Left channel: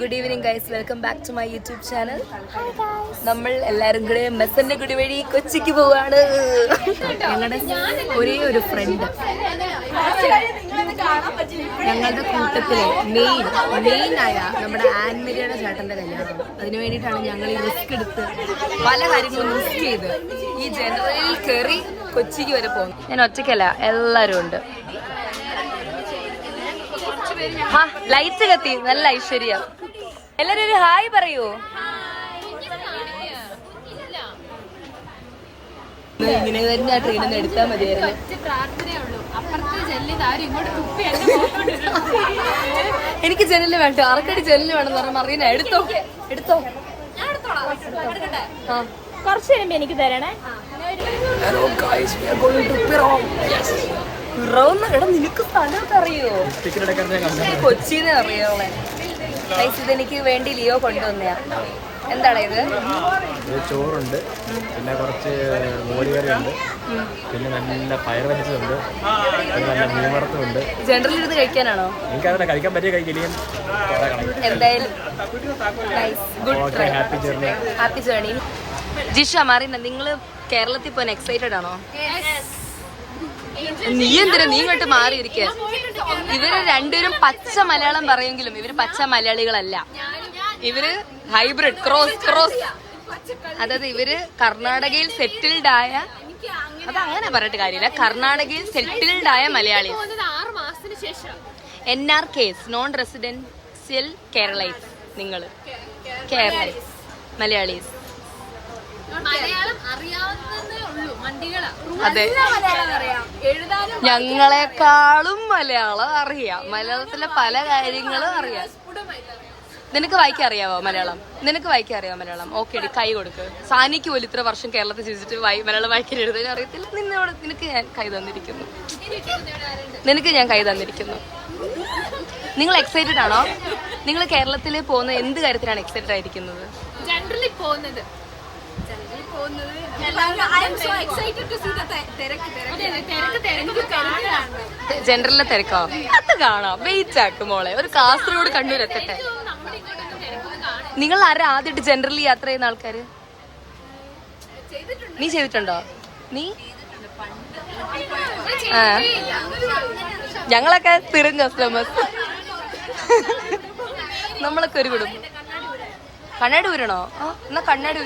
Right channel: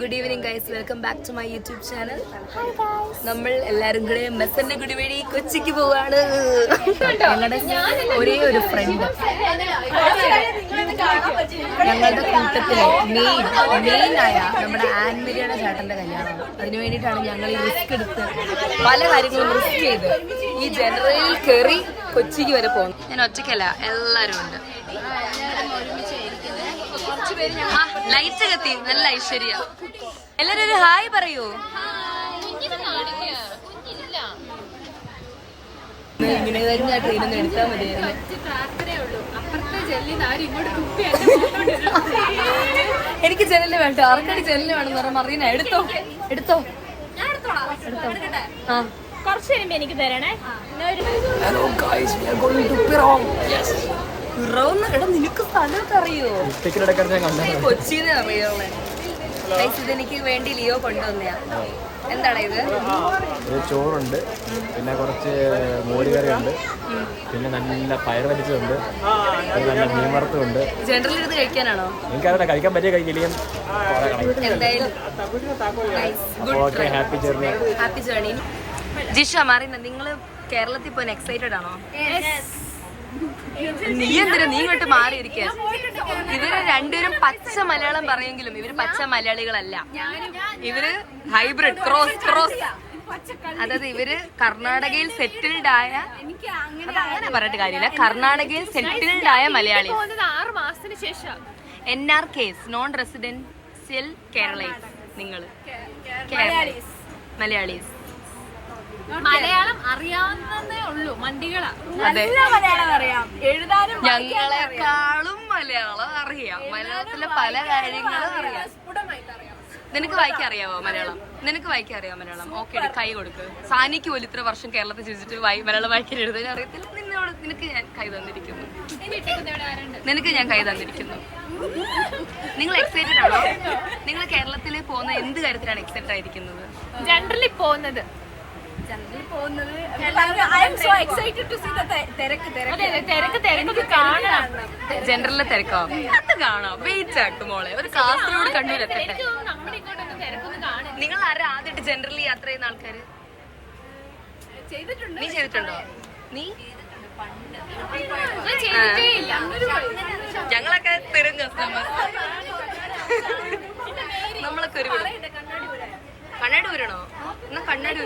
Good evening guys, welcome back to my YouTube channel. നമ്മൾ എല്ലാരും കൂടെ മെസ്സന്റെ കുടി വഴി കൊച്ചിക്ക് പോവാണ്. ഞങ്ങളുടെ ഒരേ ഒരു ഫ്രണ്ട്, ഞങ്ങളുടെ കൂട്ടത്തിലെ മെയിൻ ആയ നമ്മുടെ ആൻമരിയുടെ ചേട്ടന്റെ കല്യാണമാണ്. അതിനു വേണ്ടിയിട്ടാണ് ഞങ്ങൾ ഈ റിസ്ക് എടുത്ത് പല കാര്യങ്ങളും റിസ്ക് ചെയ്ത് ഈ ജനറലിൽ കയറി കൊച്ചിക്ക് വരെ പോകുന്നു. ഞാൻ ഒറ്റയ്ക്കല്ല, എല്ലാരും ഉണ്ട്. ലൈറ്റ് കത്തി, നല്ല ഐശ്വര്യ. എല്ലാരും ഒരു ഹായ് പറയൂ. ഇങ്ങനെ വരുന്ന ട്രെയിനൊന്ന് എടുത്താൽ മതിയായിരുന്നു. എനിക്ക് ജനല് വേണ്ട, ആർക്കടി ജനല് വേണമെന്ന് പറഞ്ഞാൽ മറീന എടുത്തോ. എടാ നിനക്ക് സ്ഥലമൊക്കെ അറിയോ? കൊച്ചിന്ന് അറിയോളെ. ഇതെനിക്ക് വേണ്ടി ലിയോ കൊണ്ടുവന്നയാ. എന്താണ് ഇത്? ചോറുണ്ട്, പിന്നെ കുറച്ച് മോരുകറി ഉണ്ട്, പിന്നെ നല്ല പയർ വരച്ചതുണ്ട്, നല്ല മീൻ വറുത്തുണ്ട്. ജനറൽ ഇരുന്ന് കഴിക്കാനാണോ? എനിക്കതല്ല, കഴിക്കാൻ പറ്റിയ കഴിക്കില്ലെങ്കിൽ എന്തായാലും ഹാപ്പി ജേർണി. ജിഷ മാറിന, നിങ്ങള് കേരളത്തിൽ പോകാൻ എക്സൈറ്റഡ് ആണോ? നീ എന്തിനാ നീ ഇങ്ങോട്ട് മാറിയിരിക്കുക? ഇവര് രണ്ടുപേരും പച്ച മലയാളം പറയുമെങ്കിലും ഇവര് പച്ച മലയാളികളല്ല. ഇവര് ഹൈബ്രിഡ് ക്രോസ്. അതായത് ഇവര് കർണാടകയിൽ സെറ്റിൽഡ് ആയ, അത് അങ്ങനെ പറഞ്ഞിട്ട് കാര്യമില്ല, കർണാടകയിൽ സെറ്റിൽഡ് ആയ Malayali. NRKs, non residential Keralis. നിങ്ങള് കേരളീസ്, മലയാളീസ്. മലയാളം അറിയാവുന്നതേ ഉള്ളൂ, മണ്ടികളാ. അതെ, മലയാളം അറിയാം, എഴുതാനും ഞങ്ങളെക്കാളും മലയാളം അറിയാം. മലയാളത്തിലെ പല കാര്യങ്ങളും അറിയാം. നിനക്ക് വായിക്കാൻ അറിയാവോ മലയാളം? മലയാളം? ഓക്കെ, കൈ കൊടുക്ക്. സാനിക്ക് പോലും ഇത്ര വർഷം കേരളത്തിൽ ജീവിച്ചിട്ട് മലയാളം വായിക്കാൻ എഴുതാൻ അറിയത്തില്ല. നിനക്ക് ഞാൻ കൈ തന്നിരിക്കുന്നു. നിങ്ങൾ എക്സൈറ്റഡ് ആണോ? നിങ്ങൾ കേരളത്തിൽ പോകുന്ന എന്ത് കാര്യത്തിലാണ് എക്സൈറ്റഡ് ആയിരിക്കുന്നത്? ജനറലി പോകുന്നത്. ജനറലിലെ തിരക്കോ? അത് കാണാം. വെയിറ്റ് ആക്കും മോളെ, ഒരു കാസർഗോഡ് കണ്ണൂർ എത്തട്ടെ. നിങ്ങൾ ആരാ ആദ്യമായിട്ട് ജനറലി യാത്ര ചെയ്യുന്ന ആൾക്കാര്? നീ ചെയ്തിട്ടുണ്ടോ? നീ ഞങ്ങളൊക്കെ സ്ഥിരം കസ്റ്റമേഴ്സ്. നമ്മളൊക്കെ ഒരു വിടും. കണ്ണാടി ഊരണോ? എന്നാ കണ്ണാടി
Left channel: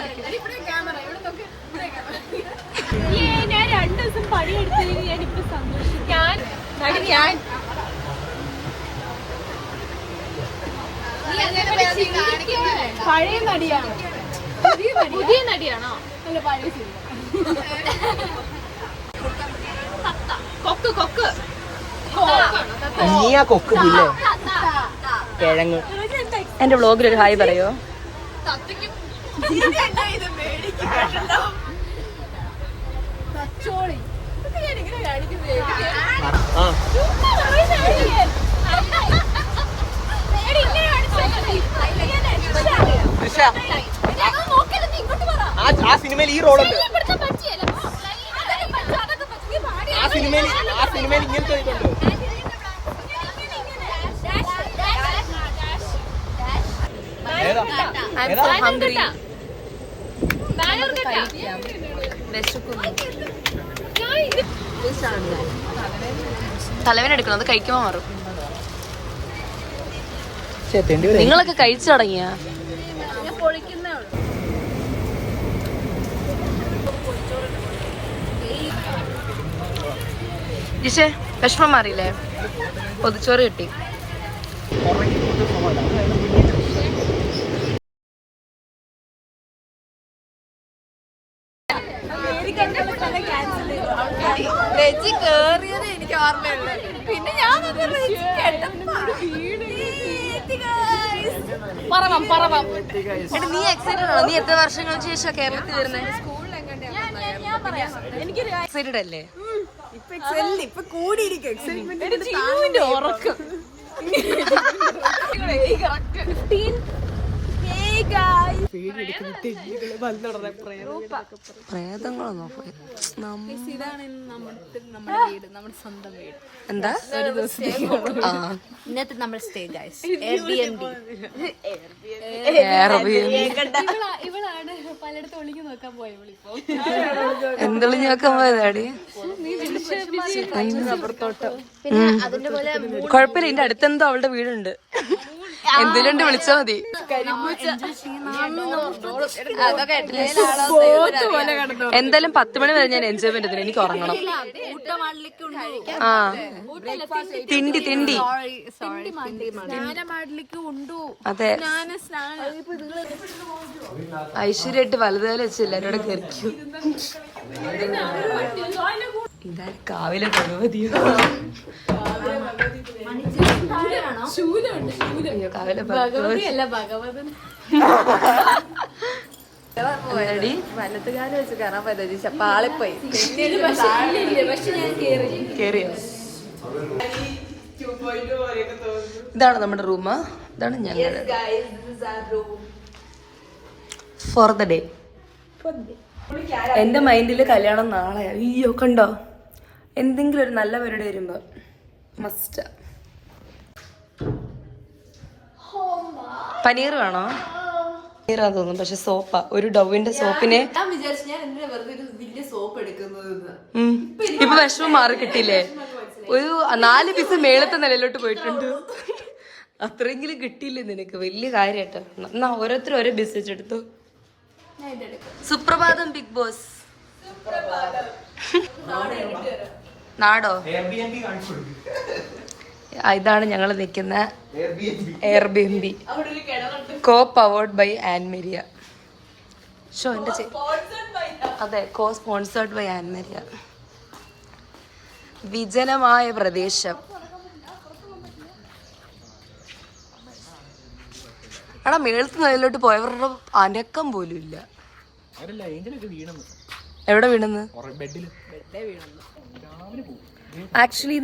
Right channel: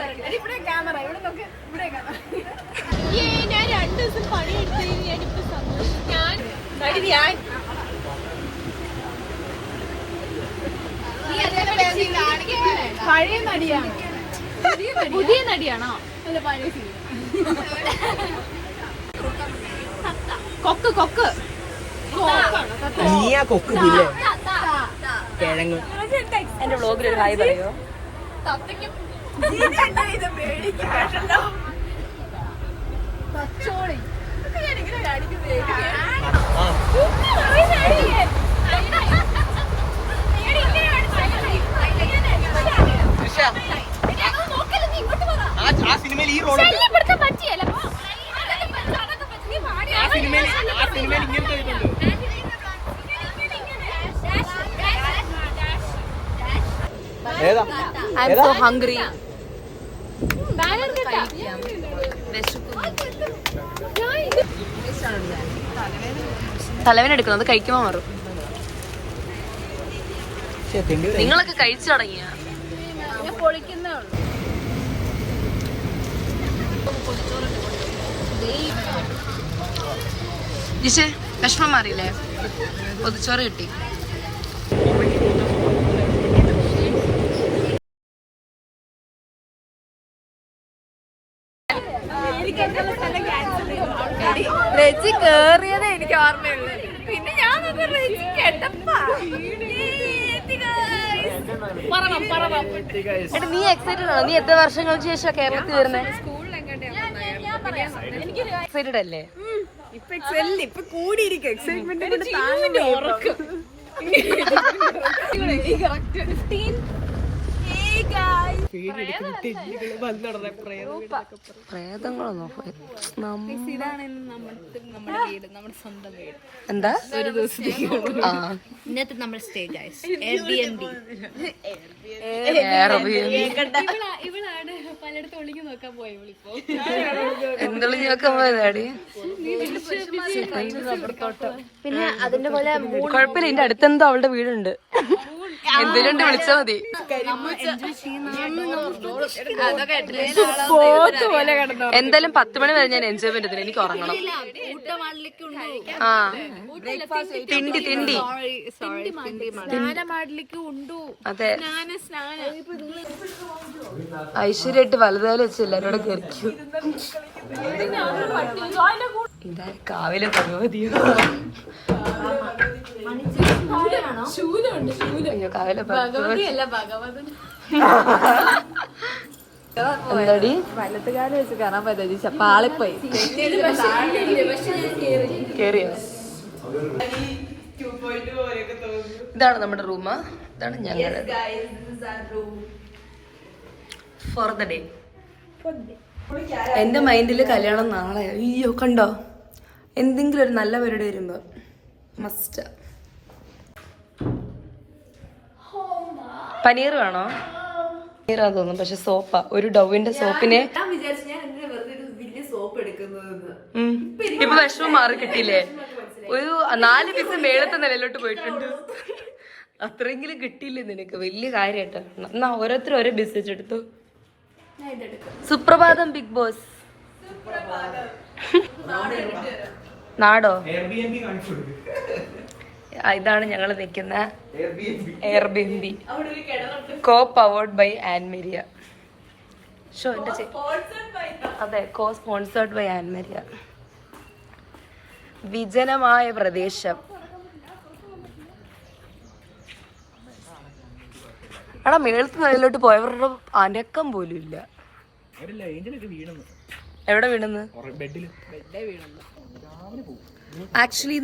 പഴയ നടിയാണ്. പുതിയ നടിയാണോ? അല്ല, പഴയ കൊക്ക്. എന്റെ വ്ളോഗിൽ ഒരു ഹായ് പറയോ? ആ സിനിമയിൽ ഈ റോളുണ്ട്. ആ സിനിമയിൽ ഇങ്ങനത്തെ ഇതുണ്ട്. I'm so hungry. കഴിക്കാം, വിശക്കുന്നു. തലവേനെടുക്കണം, അത് കഴിക്കുമ്പോ മാറും. നിങ്ങളൊക്കെ കഴിച്ചു തുടങ്ങിയ? ജിഷേ, വിഷമം മാറിയില്ലേ? പൊതിച്ചോറ് കിട്ടി. റെജി കേറിയതേ എനിക്ക് ഓർമ്മയുള്ളൂ. പിന്നെ ഞാൻ എടാ, നീ എക്സൈറ്റഡ് ആണോ? നീ എത്ര വർഷങ്ങൾക്ക് ശേഷം കേരളത്തിൽ വരുന്നത്? എക്സൈറ്റഡ് അല്ലേ? ഇപ്പൊ കൂടിയിരിക്കും എക്സൈറ്റ്മെന്റ് കൊണ്ട് താങ്ങുന്നു. പ്രേതങ്ങളൊന്നോ ഇതാണ് നമ്മുടെ വീട്, നമ്മുടെ സ്വന്തം വീട്. എന്താ ഒരു ദിവസത്തേക്ക് ആ ഇന്നത്തെ നമ്മുടെ സ്റ്റേ ഗൈസ് ഇവളാണ് പലയിടത്തും ഒളിഞ്ഞു നോക്കാൻ പോയ ഇവളിപ്പോ. എന്തൊളിഞ്ഞൊക്കെ പോയതാടി. കൊഴപ്പില്ല, എന്റെ അടുത്തെന്തോ അവളുടെ വീടുണ്ട്. എന്തിനുണ്ട് വിളിച്ചാ മതി. എന്തായാലും 10 മണി വരെ ഞാൻ എൻജോയ്മെന്റ് ചെയ്തില്ല. എനിക്ക് ഉറങ്ങണം. ആ തിണ്ടി തിണ്ടി അതെ. ഐശ്വര്യായിട്ട് വലുതായാലും വെച്ച് എല്ലാരോടെ കയറിക്കും. എന്താ കാവിലെ ഭഗവതിയോ? അയ്യോ കാവിലെ ഭഗവതി എന്താടി വലത്തുകാലം വെച്ച് കാണാൻ പറ്റാ പാളിപ്പോയി. കേറിയോ? ഇതാണ് നമ്മുടെ റൂം. ഇതാണ് ഞങ്ങളുടെ ഫോർ ദ ഡേ. എന്റെ മൈൻഡില് കല്യാണം നാളെ. അയ്യോ കണ്ടോ, എന്തെങ്കിലും ഒരു നല്ല പരിപാടി വരുമ്പോ മസ്റ്റ്. പനീർ വേണോ? പനീറാന്ന് തോന്നുന്നു, പക്ഷെ സോപ്പാ. ഒരു ഡവിന്റെ സോപ്പിന് ഇപ്പൊ വിഷമം മാറി കിട്ടിയില്ലേ? ഒരു 4 പീസ് മേളത്തെ നിലയിലോട്ട് പോയിട്ടുണ്ട്. അത്രയെങ്കിലും കിട്ടിയില്ലേ നിനക്ക്? വലിയ കാര്യമായിട്ടാ. എന്നാ ഓരോരുത്തരും ഓരോ ബിസിനസ് എടുത്തു. സുപ്രഭാതം ബിഗ് ബോസ്. നാടോ? ഇതാണ് ഞങ്ങൾ നിൽക്കുന്ന Airbnb, co powered by Annmaria. ഷോ എന്റെ അതെ, കോ സ്പോൺസേർഡ് ബൈ ആൻമേരിയ. വിജനമായ പ്രദേശം. എടാ മേളത്ത് നിലയിലോട്ട് പോയവരുടെ അനക്കം പോലും ഇല്ല. എവിടെ വീണെന്ന്? ആക്ച്വലി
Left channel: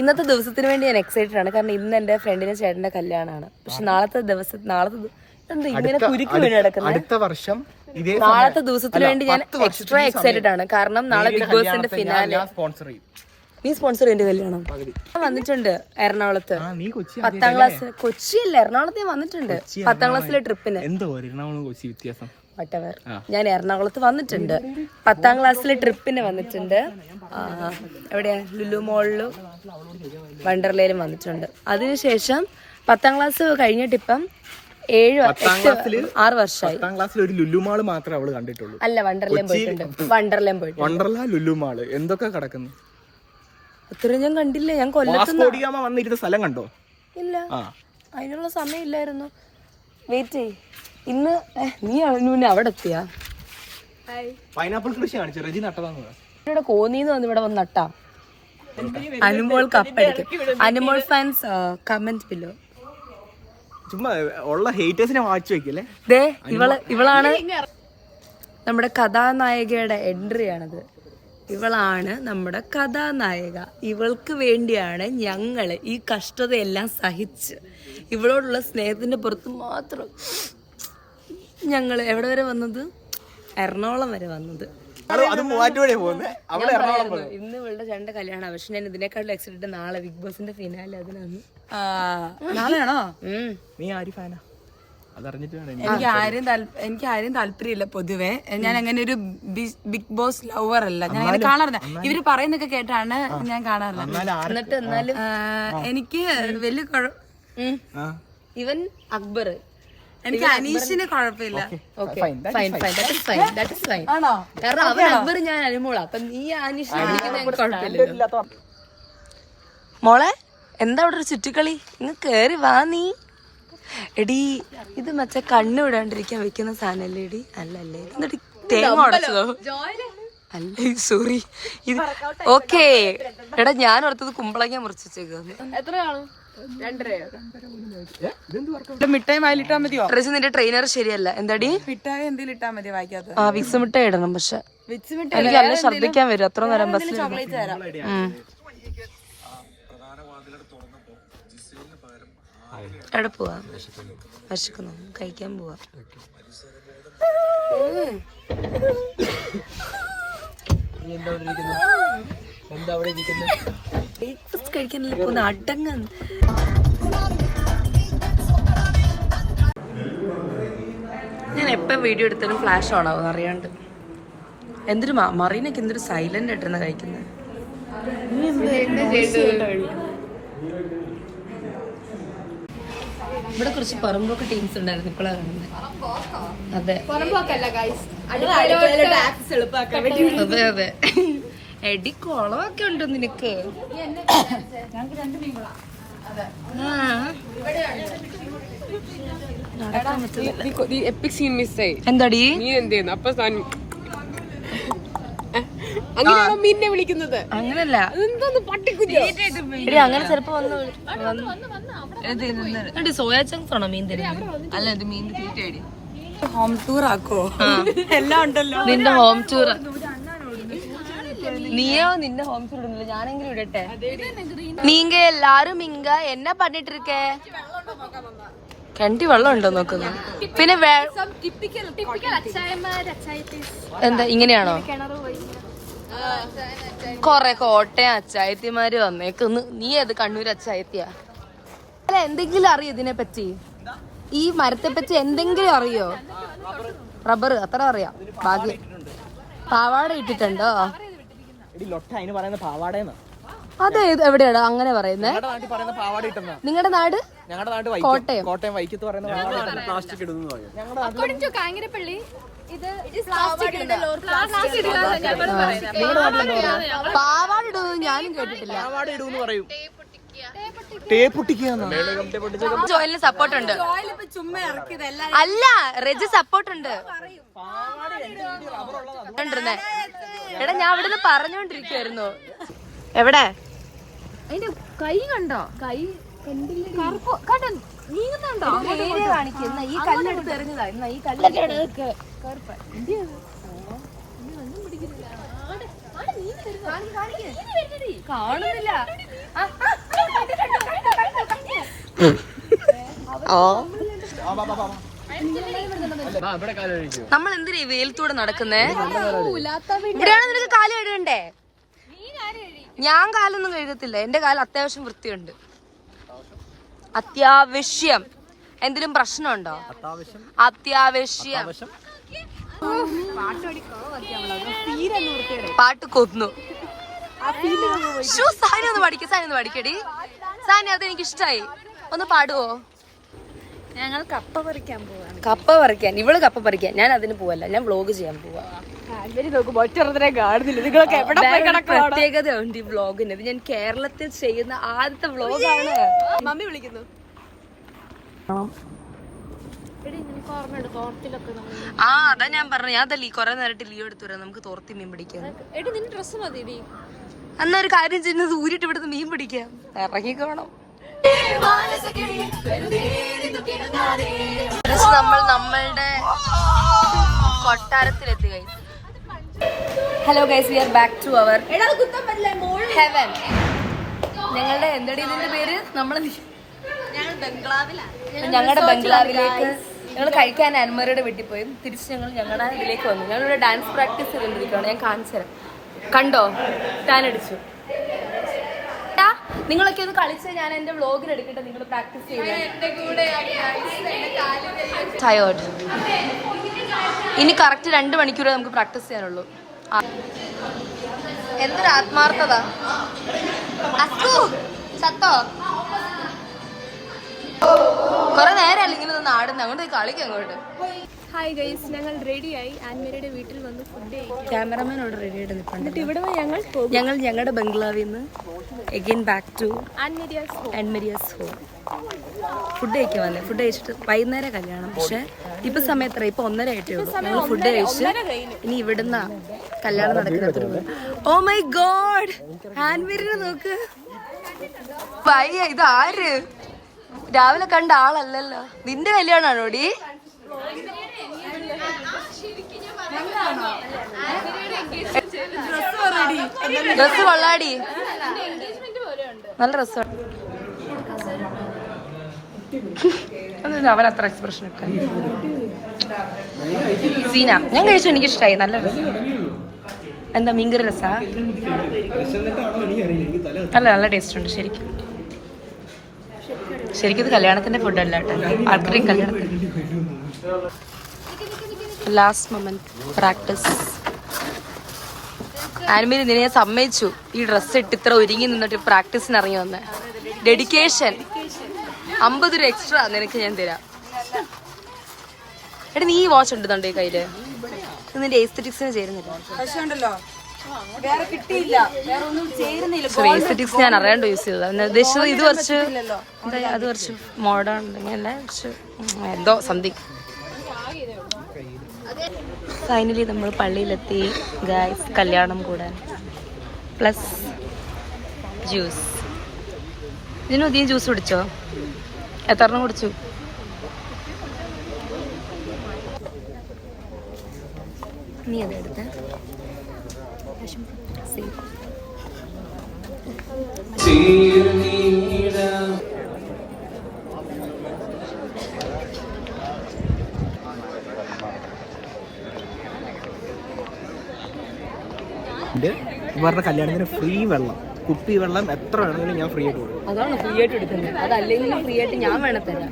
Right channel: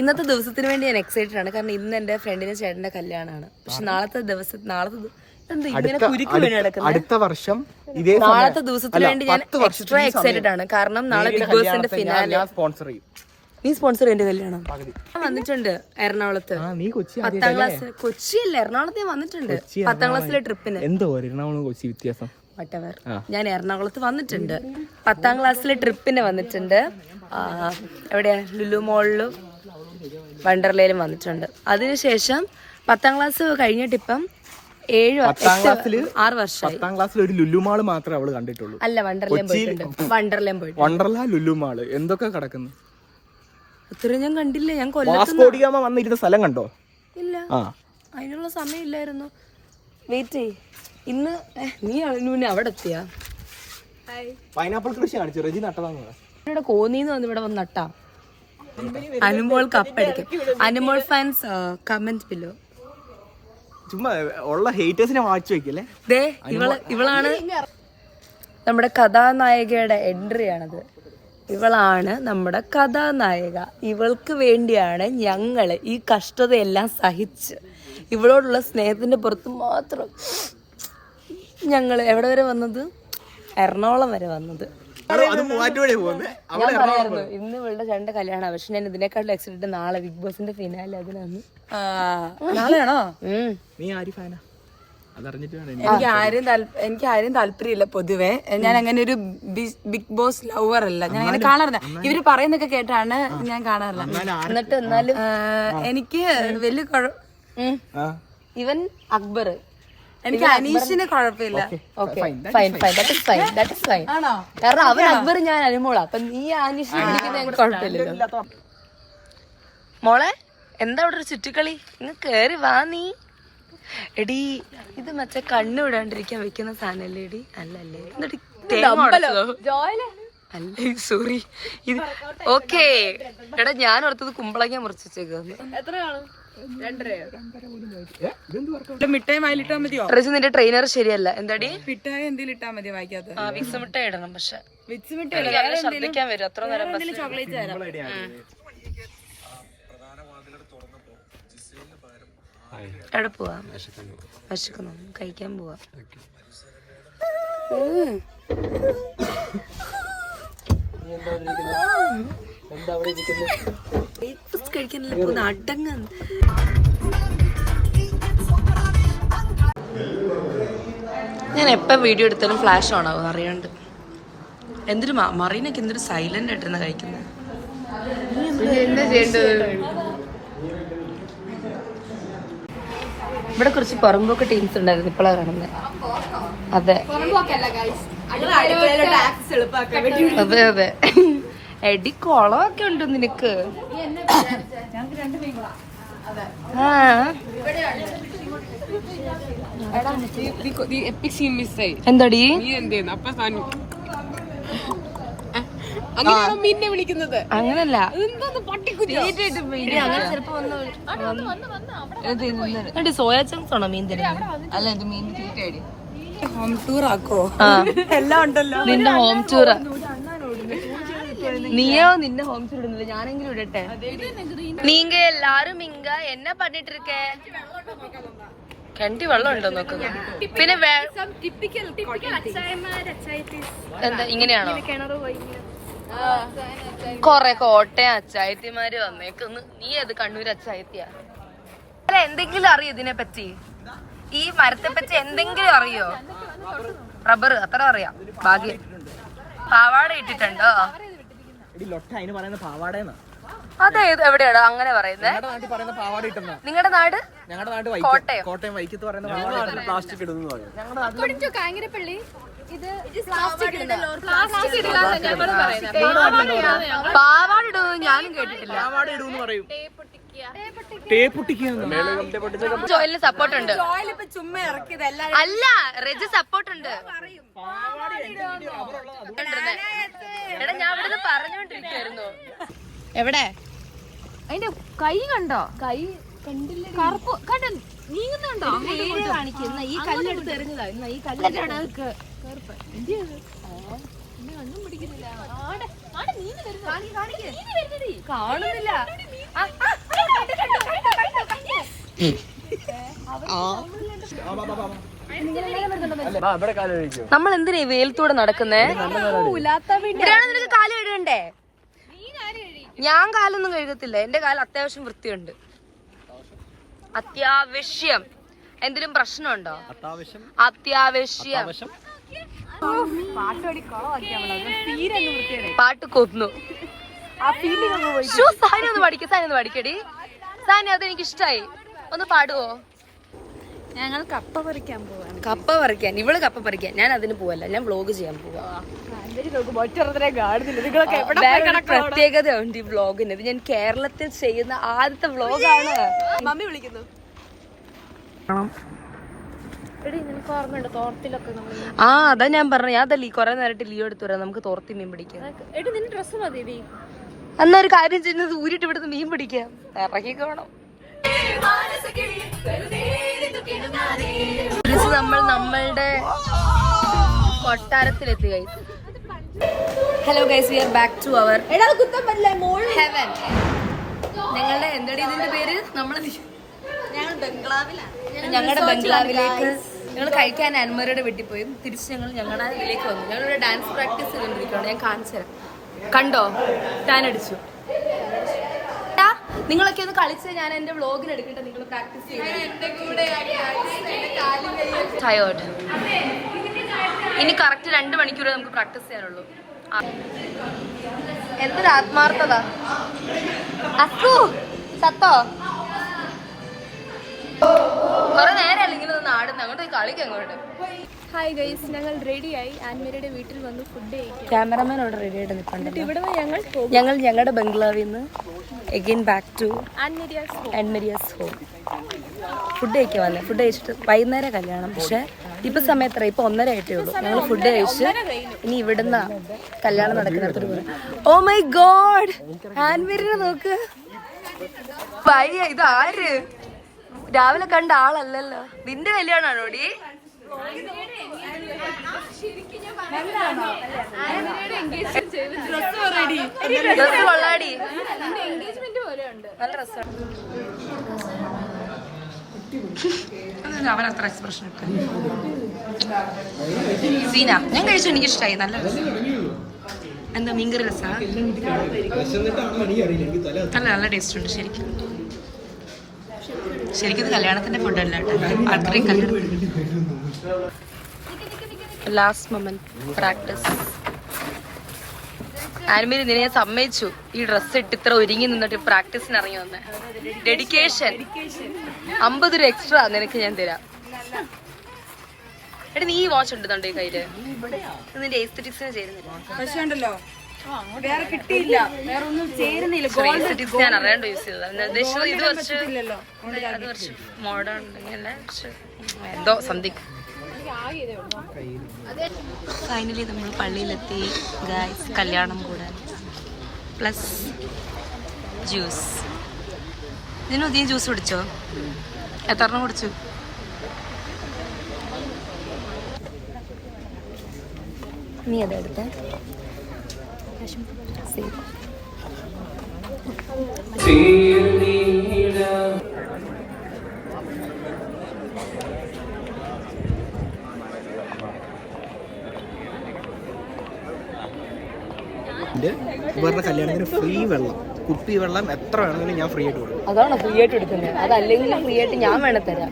ഇന്നത്തെ ദിവസത്തിന് വേണ്ടി ഞാൻ എക്സൈറ്റഡ് ആണ്. കാരണം ഇന്ന് എന്റെ ഫ്രണ്ടിന്റെ ചേട്ടന്റെ കല്യാണമാണ്. പക്ഷെ നാളത്തെ എന്താ ഇങ്ങനെ കുരുക്ക് വീണ് കിടക്കുന്നത്? നാളത്തെ ദിവസത്തിന് വേണ്ടി ഞാൻ എക്സ്ട്രാ എക്സൈറ്റഡ് ആണ്. കാരണം നാളെ ബിഗ് ബോസിന്റെ ഫിനാലെ. നീ സ്പോൺസർ എന്റെ കല്യാണം വന്നിട്ടുണ്ട് എറണാകുളത്ത്. 10ാം ക്ലാസ്. കൊച്ചിയല്ല, എറണാകുളത്ത് ഞാൻ വന്നിട്ടുണ്ട് 10ാം ക്ലാസ്സിലെ ട്രിപ്പിന്. വട്ടവർ ഞാൻ എറണാകുളത്ത് വന്നിട്ടുണ്ട്. 10ാം ക്ലാസ്സിലെ ട്രിപ്പിന് വന്നിട്ടുണ്ട്. എവിടെയാ? ലുലു മോളിലും വണ്ടർലയിലും വന്നിട്ടുണ്ട്. അതിനുശേഷം 10ാം ക്ലാസ് കഴിഞ്ഞിട്ട് ഇപ്പം 6 വർഷമായി. അല്ല, വണ്ടർലയും പോയിട്ടുണ്ട്. വണ്ടർലയും പോയിട്ടുണ്ട്. എന്തൊക്കെ കിടക്കുന്നു അത്രയും ഞാൻ കണ്ടില്ല. ഞാൻ കൊല്ലത്തുനിന്ന് വന്നിരുന്ന സ്ഥലം കണ്ടോ? ഇല്ല, അതിനുള്ള സമയം ഇല്ലായിരുന്നു. വെയിറ്റ് ചെയ്. ഇന്ന് നീ അവിടെ എത്തിയാ? പൈനാപ്പിൾ കൃഷി കാണിച്ചു. റെജി നട്ടതാണ്. ഇവിടെ കോന്നിന്ന് വന്ന് ഇവിടെ വന്ന് നട്ടാ. അനുമോൾ കപ്പടിക്കും. Anumol fans comment below. ചുമ്മാ ഉള്ള ഹേറ്റേഴ്സിനെ വാച്ച് വെക്കല്ലേ. ഇവളാണ് നമ്മുടെ കഥാനായികയുടെ എൻട്രി ആണത്. ഇവളാണ് നമ്മുടെ കഥാനായിക. ഇവൾക്ക് വേണ്ടിയാണ് ഞങ്ങള് ഈ കഷ്ടതയെല്ലാം സഹിച്ച് ഇവളോടുള്ള സ്നേഹത്തിന്റെ പുറത്ത് മാത്രം ഞങ്ങൾ എവിടെ വരെ വന്നത്? എറണാകുളം വരെ വന്നത്. ഇന്ന് ഇവളുടെ ചേട്ടന്റെ കല്യാണം. പക്ഷെ ഞാൻ ഇതിനേക്കാളും എക്സൈറ്റഡ് നാളെ ബിഗ് ബോസിന്റെ ഫിനാലെ. അതിനാണ്. നാളെയാണോ? നീ ആര് ഫാനാ? എനിക്ക് ആരും താല്പര്യമില്ല പൊതുവെ. ഞാൻ അങ്ങനെ ഒരു ബിഗ് ബോസ് ലവർ അല്ല. ഞാൻ അങ്ങനെ കാണാറില്ല. ഇവര് പറയുന്നൊക്കെ കേട്ടാണ് ഞാൻ കാണാറില്ല. എന്നിട്ട് എന്നാലും എനിക്ക് വലിയ ഇവൻ അക്ബർ. എനിക്ക് അനീഷിന് കുഴപ്പമില്ല. കാരണം അവൻ അക്ബർ, ഞാൻ അനുമോളാ. അപ്പൊ നീ അനീഷിന് കുഴപ്പമില്ല. മോളെ എന്താ അവിടെ ഒരു ചുറ്റിക്കളി? ഇങ്ങ് കേറി വാ നീ. എടി ഇത് മറ്റേ കണ്ണ് വിടാണ്ടിരിക്കാൻ വെക്കുന്ന സാധനല്ലേ എടി? അല്ലല്ലേ, എന്നിട്ട് തേങ്ങ ഉടച്ചതോ? അല്ലേ, സോറി. ഇത് ഓക്കേ. എടാ ഞാൻ ഓർത്തത് കുമ്പളങ്ങ മുറിച്ചേക്കാന്ന്. മിഠായി വായിലിട്ടാ മതിയോ? റെജി നിന്റെ ട്രെയിനർ ശരിയല്ല. എന്താടി? മിഠായി എന്തെങ്കിലും ഇട്ടാ മതി വായിക്കാത്ത. വിക്സ് മിഠായി ഇടണം. പക്ഷെ എനിക്ക് നല്ല ഛർദ്ദിക്കാൻ വരും. അത്ര നേരം ബസ്. എവിടെ പോവാ? വിശക്കുന്നു, കഴിക്കാൻ പോവാ. ബ്രേക്ക്ഫാസ്റ്റ് കഴിക്കാനല്ലേ പോകുന്ന? അടങ്ങ. ഞാൻ എപ്പോൾ വീഡിയോ എടുത്താലും ഫ്ലാഷ് ഓൺ ആവും അറിയാണ്ട്. എന്തൊരു മറീനൊക്കെ എന്തൊരു സൈലന്റ് ആയിട്ടാണ് കഴിക്കുന്നത്. ഇവിടെ കുറച്ച് പുറമ്പോക്ക് ടീംസ് ഉണ്ടായിരുന്നു, ഇപ്പോഴാണ് കാണുന്നത്. അതെ അതെ അതെ. എടി കുളമൊക്കെ ഉണ്ട് നിനക്ക്. എന്താടി മീനിനെ വിളിക്കുന്നത്? അങ്ങനല്ല, അങ്ങനെ ചെലപ്പോ വന്നു. സോയാ ചങ്ക്സ് ആണോ മീൻ തരുന്നത്? അല്ല, ഇത് മീൻ ഹോം ടൂർ ആക്കോ? എല്ലാം ഉണ്ടല്ലോ. നിന്റെ ഹോം ടൂർ. നീയോ നിന്റെ ഹോം ടൂർ ഇടുന്നില്ല, ഞാനെങ്കിലും ഇടട്ടെ. നീങ്ക എല്ലാരും ഇങ്ക എന്നാ പണിട്ട് ഇരിക്കേ? കണ്ടി വെള്ളം ഉണ്ടോ നോക്കുന്നത്? പിന്നെ എന്താ ഇങ്ങനെയാണോ? കൊറേ കോട്ടയം അച്ചായത്തിമാര് വന്നേക്കുന്നു. നീ അത് കണ്ണൂർ അച്ചായത്തിയാ? അല്ല, എന്തെങ്കിലും അറിയോ ഇതിനെ പറ്റി? ഈ മരത്തെ പറ്റി എന്തെങ്കിലും അറിയോ? റബ്ബർ അത്ര അറിയാം. ഭാഗ്യം. പാവാട ഇട്ടിട്ടുണ്ടോ? അതെ, എവിടെയാണ് അങ്ങനെ പറയുന്നത്? നിങ്ങളുടെ നാട്? ഞങ്ങളുടെ നാട് കോട്ടയം വൈക്കത്ത് പറയുന്നത് പ്ലാസ്റ്റിക് ഇടുന്നു. കാഞ്ഞിരപ്പള്ളി പാവാട ഇടുന്നത് ഞാനും കേട്ടിട്ടില്ല. ജോയിലിന് സപ്പോർട്ട് ഉണ്ട്. അല്ല, റെജി സപ്പോർട്ട് ഉണ്ട്. എടാ, ഞാൻ ഇവിടെ നിന്ന് പറഞ്ഞോണ്ടിരിക്കുവായിരുന്നു. എവിടെ? അതിന്റെ കൈ കണ്ടോ? കൈ കണ്ടില്ല. കറുപ്പ് കണ്ടോ? നീങ്ങുന്നുണ്ടോ? കാണിക്കുന്ന ഈ കല്ലെടുത്ത് എറിഞ്ഞതാ. ഈ കല്ലെടുത്ത് കാണുന്നില്ല. നമ്മൾ എന്തിനാ ഈ വെയിലത്തൂടെ നടക്കുന്നേ? ഇവിടെയാണ് നിനക്ക് കാല് കഴുകണ്ടേ? ഞാൻ കാലൊന്നും കഴുകത്തില്ല. എന്റെ കാലം അത്യാവശ്യം വൃത്തിയുണ്ട്. അത്യാവശ്യം. എന്തെങ്കിലും പ്രശ്നമുണ്ടോ? അത്യാവശ്യം. പാട്ട് കൊന്നു. സാനി ഒന്ന് പഠിക്ക. സാനി ഒന്ന് പഠിക്കടി. സാനി, അത് എനിക്ക് ഇഷ്ടായി. ഒന്ന് പാടുവോ? ഞങ്ങൾ കപ്പ പറിക്കാൻ പോവാ. കപ്പ പറിക്കാൻ? ഇവള് കപ്പ പറിക്കാൻ. ഞാൻ അതിന് പോവല്ല, ഞാൻ വ്ലോഗ് ചെയ്യാൻ പോവാ. വേറൊരു പ്രത്യേകത ഉണ്ട് ഈ വ്ലോഗിന്. ഇത് ഞാൻ കേരളത്തിൽ ചെയ്യുന്ന ആദ്യത്തെ വ്ലോഗാണ്. മമ്മി വിളിക്കുന്നു. ആ, അതാ ഞാൻ പറഞ്ഞു. ഞാൻ അതല്ലേ കൊറേ നേരമായിട്ട് ലീവ് എടുത്തു വരാം, നമുക്ക് തോർത്തി മീൻ പിടിക്കാൻ. എന്നാ ഒരു കാര്യം ചെയ്യുന്നത്, ഊരിട്ട് ഇവിടുന്ന് മീൻ പിടിക്കാം. ഇറങ്ങിക്കോണം. നമ്മൾ നമ്മളുടെ കൊട്ടാരത്തിലെത്തി guys. Hello guys, we are back to our heaven. ഞങ്ങളുടെ എന്തടി ഇതിന്റെ പേര്? ഞങ്ങളുടെ ബംഗ്ലാവിലേക്ക് ഞങ്ങൾ കഴിക്കാൻ അൻമരയുടെ വീട്ടിൽ പോയി തിരിച്ച് ഞങ്ങളുടെ ഇതിലേക്ക് വന്നു. ഞങ്ങളിവിടെ ഡാൻസ് പ്രാക്ടീസ് ചെയ്തുകൊണ്ടിരിക്കുകയാണ്. ഞാൻ കാണിച്ചു തരാം. കണ്ടോ? ടാനടിച്ചു. നിങ്ങളൊക്കെ ഒന്ന് കളിച്ച് ഞാൻ എന്റെ വ്ലോഗിൽ എടുക്കട്ടെ. നിങ്ങൾ പ്രാക്ടീസ് ചെയ്യാൻ. ഇനി കറക്റ്റ് 2 മണിക്കൂർ നമുക്ക് പ്രാക്ടീസ് ചെയ്യാനുള്ളൂ. എന്തൊരു ആത്മാർത്ഥത. അസ്കു സത്തോ? കൊറേ നേരം ഇങ്ങനെ നാടുന്ന അങ്ങോട്ട് കളിക്ക്. അങ്ങോട്ട് ഹായ് ഗൈസ്, ഞങ്ങൾ റെഡിയായി. ആൻമേരിയുടെ വീട്ടിൽ വന്ന് ഫുഡ് കഴിക്കും. ക്യാമറമാൻ അവിടെ റെഡി ആയിട്ട് നിൽപ്പുണ്ട്. ഇവിടെ ഞങ്ങൾ ഞങ്ങളുടെ ബംഗ്ലാവിൽ നിന്ന് again back to Annmaria's home. Food കഴിക്കാൻ വന്നേ. ഫുഡ് കഴിച്ചിട്ട് വൈകുന്നേരം കല്യാണം. പക്ഷെ ഇപ്പൊ സമയത്ര ഇപ്പൊ 1:30 ആയിട്ടേ ഉള്ളൂ. ഞങ്ങൾ ഫുഡ് കഴിച്ച് ഇനി ഇവിടുന്ന കല്യാണം നടക്കുന്നിടത്തൊരു പോലെ. ഓ മൈ ഗോഡ്, ആൻമേരിനെ നോക്ക്. വയ്യ, ഇത് ആര്? രാവിലെ കണ്ട ആളല്ലല്ലോ. നിന്റെ കല്യാണാണോടി? ഡ്രസ് കൊള്ളാടി, നല്ല ഡ്രസ്സാണ്. അവൻ അത്ര എക്സ്പ്രഷൻ ഒക്കെ. സീന ഞാൻ കഴിച്ചു, എനിക്ക് ഇഷ്ടമായി, നല്ല രസം. എന്താ മീൻകറി രസാ? നല്ല ടേസ്റ്റ് ഉണ്ട് ശരിക്കും. ശരിക്കും ഇത് കല്യാണത്തിന്റെ ഫുഡല്ല കേട്ടോ, അത്രയും കല്യാണത്തിന്. Last moment practice. ആൻമേരി നിന്നെ ഞാൻ സമ്മതിച്ചു, ഈ ഡ്രസ്സ് ഇട്ട് ഇത്ര ഒരുങ്ങി നിന്നിട്ട് പ്രാക്ടീസിന് ഇറങ്ങി വന്ന്. ഡെഡിക്കേഷൻ. 50 രൂപ എക്സ്ട്രാ നിനക്ക് ഞാൻ തരാം. എടാ നീ വാച്ച് ഉണ്ടെന്നുണ്ടോ ഈ കയ്യില്? നിന്റെ എസ്തെറ്റിക്സിന് ചേരുന്നില്ല. പക്ഷേ ഉണ്ടല്ലോ വേറെ കിട്ടിയില്ല, വേറെ ഒന്നും ചേരുന്നില്ല. എസ്തെറ്റിക്സ് ഞാൻ അറിയാണ്ട് യൂസ് ചെയ്തത്. ഉദ്ദേശിച്ചത് ഇത് കുറച്ച് അത് കുറച്ച് മോഡേൺ ഉണ്ടെങ്കിൽ കുറച്ച് എന്തോ സംതിങ്. ഫൈനലി നമ്മൾ പള്ളിയിലെത്തി ഗായ്സ്, കല്യാണം കൂടാൻ. Plus juice. ഇതിന് അധികം ജ്യൂസ് കുടിച്ചോ? എത്രണ്ണം കുടിച്ചു? നീ അതെടുത്ത ഇവരുടെ കല്യാണത്തിന് ഫ്രീ വെള്ളം, കുപ്പി വെള്ളം എത്ര വേണമെങ്കിലും ഞാൻ ഫ്രീ ആയിട്ട് കൊടുക്കും. അതാണ് ഫ്രീ ആയിട്ട് എടുക്കുന്നത്. അതല്ലെങ്കിലും ഫ്രീ ആയിട്ട് ഞാൻ വേണം തരാം.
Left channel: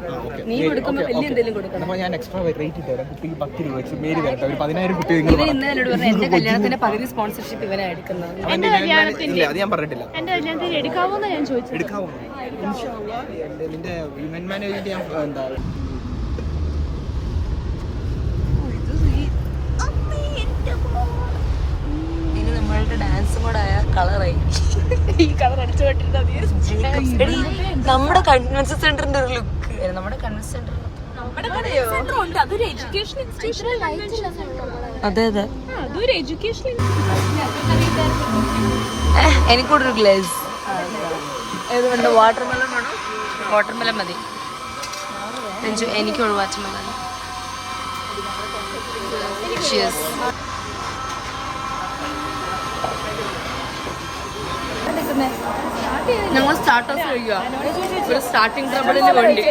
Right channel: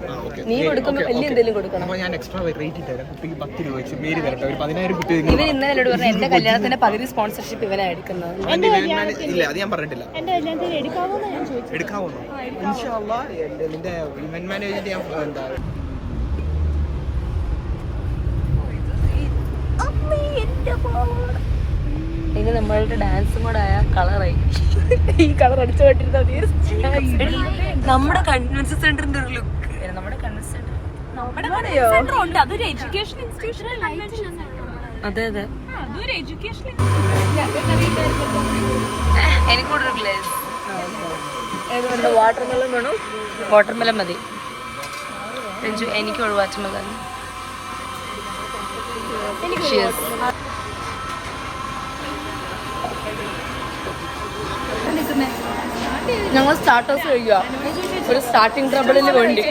നീ കൊടുക്കുമ്പോൾ വലിയ എന്തെങ്കിലും കൊടുക്കണം. അപ്പോൾ ഞാൻ എക്സ്ട്രാ റേറ്റ് തരാം. കുട്ടിക്ക് 10 രൂപ വെച്ച് മേരി വരട്ടെ, ഒരു 10,000 കുട്ടി. ഇവൻ ഇന്നലെ എന്നോട് പറഞ്ഞു എന്റെ കല്യാണത്തിന്റെ പകുതി സ്പോൺസർഷിപ്പ് ഇവനാ എടുക്കുന്നത്. ഇല്ല, അത് ഞാൻ പറഞ്ഞിട്ടില്ല. എന്റെ കല്യാണത്തിന് എടുക്കാവോന്നാ ഞാൻ ചോദിച്ചത്. എടുക്കാവോ? നിന്റെ ഇവന്റ് മാനേജർ ഞാൻ എന്താ ഇനി നമ്മളുടെ ഡാൻസും കൂടെ ആയ കളറായി. ഈ കളർ അടിച്ചു പോയിട്ടിരുന്ന നമ്മുടെ കൺവെൻഷൻ സെന്ററിന്റെ ഒരു ലുക്ക്. നമ്മുടെ കൺവെൻഷൻ സെന്റർ അതൊരു എഡ്യൂക്കേഷൻ ഇൻസ്റ്റിറ്റ്യൂഷണൽ കൺവെൻഷൻ. അതെ അതെ, അതൊരു എഡ്യൂക്കേഷൻ. എനിക്കൂടെ ഒരു ഗ്ലാസ്. ഏതുകൊണ്ട് വാട്ടർമെലൺ വേണോ? വാട്ടർമെലൺ മതി. എനിക്കുള്ളൂ വാട്ടർമെലൺ. ഞങ്ങൾ സ്റ്റാർട്ടേഴ്സ് കഴിക്കുക, ഒരു സ്റ്റാർട്ടിങ് ട്രബിളിന് വേണ്ടി.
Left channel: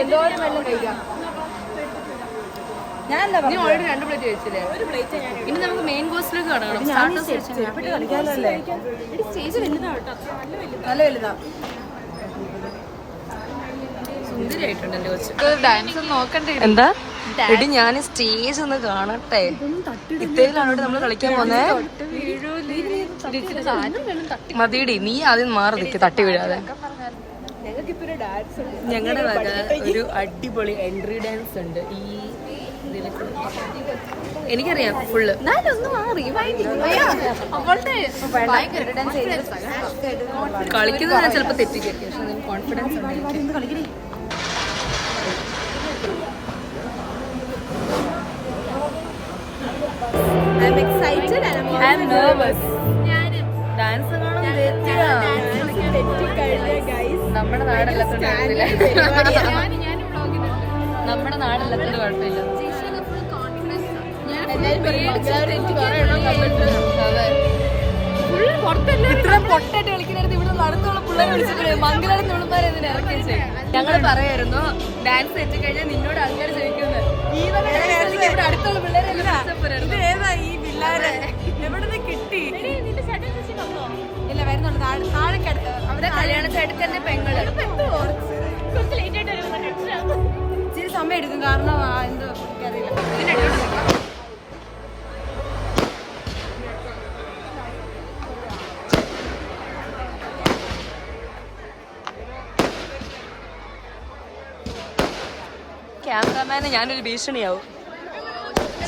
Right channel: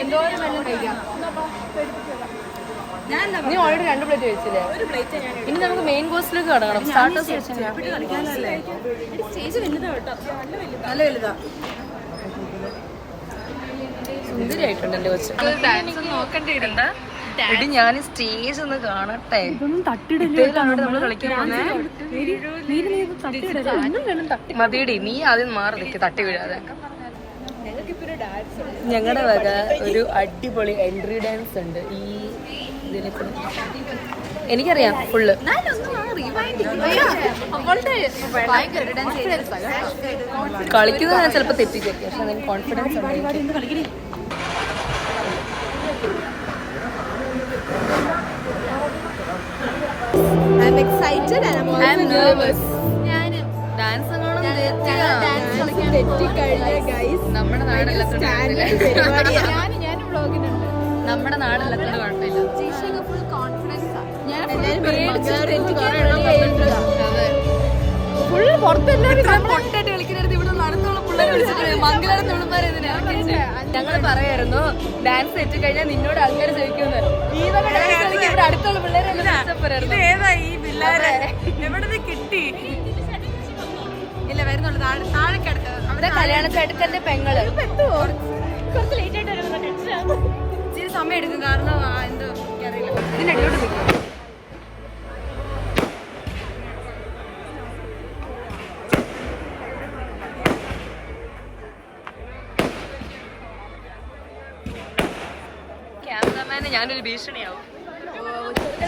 നീ ഓൾറെഡി 2 പ്ലേറ്റ് കഴിച്ചില്ലേ? ഇനി നമുക്ക് മെയിൻ കോഴ്സിലേക്ക് കടക്കണം. സ്റ്റാർട്ടേഴ്സ് കഴിച്ചില്ല. നല്ല വലുതാ, സുന്ദരിയായിട്ടുണ്ട് എന്റെ കൊച്ച്. എന്താ എടി, ഞാൻ സ്റ്റേജ് ഒന്ന് കാണട്ടെ. ഇത്തേലാണ് നമ്മൾ കളിക്കാൻ പോന്നേ. മതിയടി, നീ ആദ്യം മാറി നിൽക്ക്, തട്ടി വീഴാതെ. ഞങ്ങളുടെ വക ഒരു അടിപൊളി എൻട്രി ഡാൻസ് ഉണ്ട് ഈ എനിക്കറിയാം ഫുള്ള്. കളിക്കുന്നത് ഞാൻ ചിലപ്പോ തെറ്റിദ്ധരിക്കും, പക്ഷെ അതിന് കോൺഫിഡൻസ് ഉണ്ട്. I'm excited and I'm nervous. Dance കാണും തെറ്റിയാ. നമ്മുടെ നാടല്ലാത്തോണ്ട് കുഴപ്പമില്ല. നമ്മുടെ നാടല്ലാത്തോണ്ട് കുഴപ്പമില്ല. അതെ, ഇത്ര പൊട്ടായിട്ട് കളിക്കുന്നിടത്ത് ഇവിടെ നടത്തുള്ള പിള്ളേരെ വിളിച്ചിട്ട് മംഗലാരം തുളുമാരെ ഞങ്ങൾ പറയായിരുന്നു ഡാൻസ് തെറ്റി കഴിഞ്ഞാൽ നിന്നോട് അങ്ങനെ ചോദിക്കുന്നത്. ഇവിടെ അടുത്തുള്ള പിള്ളേരെ ഏതാ ഈ പിള്ളേരെ എവിടെ കിട്ടി? ഇല്ല, വരുന്നുള്ളൂ. താഴെക്കടുത്ത് അവരുടെ കല്യാണത്തിന് തന്നെ പെങ്ങള്. ഇച്ചിരി സമയം എടുക്കും, കാരണം എന്തോ ക്യാമറമാനെ ഞാനൊരു ഭീഷണിയാവും.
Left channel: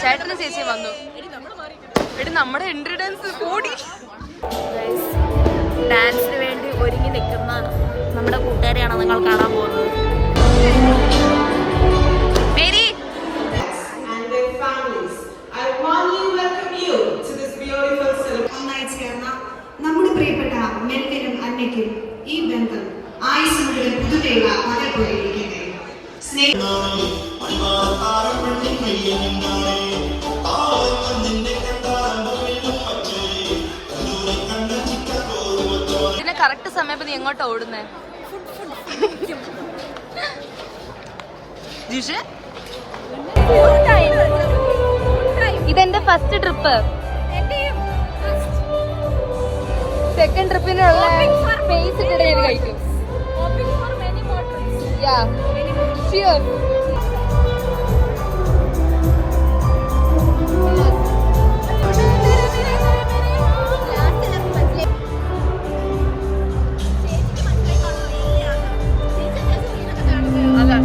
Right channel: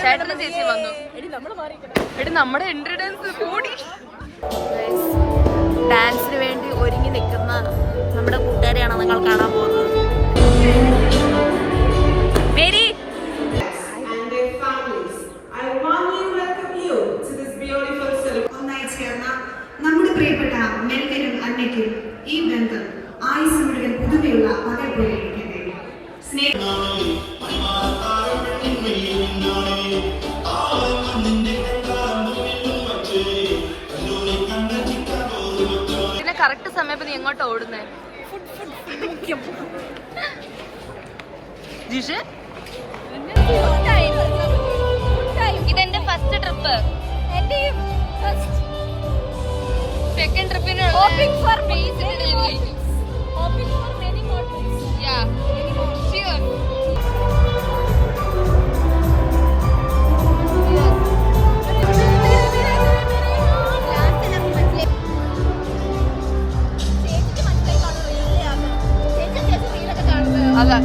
ചേട്ടനും ചേച്ചിയും വന്നു. എടി നമ്മുടെ എൻട്രി ഡാൻസ് കൂടി. ഡാൻസിന് വേണ്ടി ഒരുങ്ങി നിൽക്കുന്ന നമ്മുടെ കൂട്ടുകാരെയാണ് നിങ്ങൾ കാണാൻ പോകുന്നത്. മേരി, ഒന്നായി ചേർന്ന നമ്മുടെ പ്രിയപ്പെട്ട മെൽക്കനും അന്നയ്ക്കും ഈ ബന്ധം ആയുസ് മുഴുവൻ പുതുമയുള്ള പകൽ പോലെ ഇരിക്കട്ടെ. ഇതിനെ കറക്റ്റ് സമയത്ത് നീ എങ്ങോട്ടാ ഓടുന്നേ? ജിഷ് ഇതെന്റെ ഫസ്റ്റ് ട്രിപ്പ്. സെക്കൻഡ് ട്രിപ്പിനുള്ള ഫേസ് ഇട്ടിട്ട് ഞാൻ കഴിക്കും. അതാ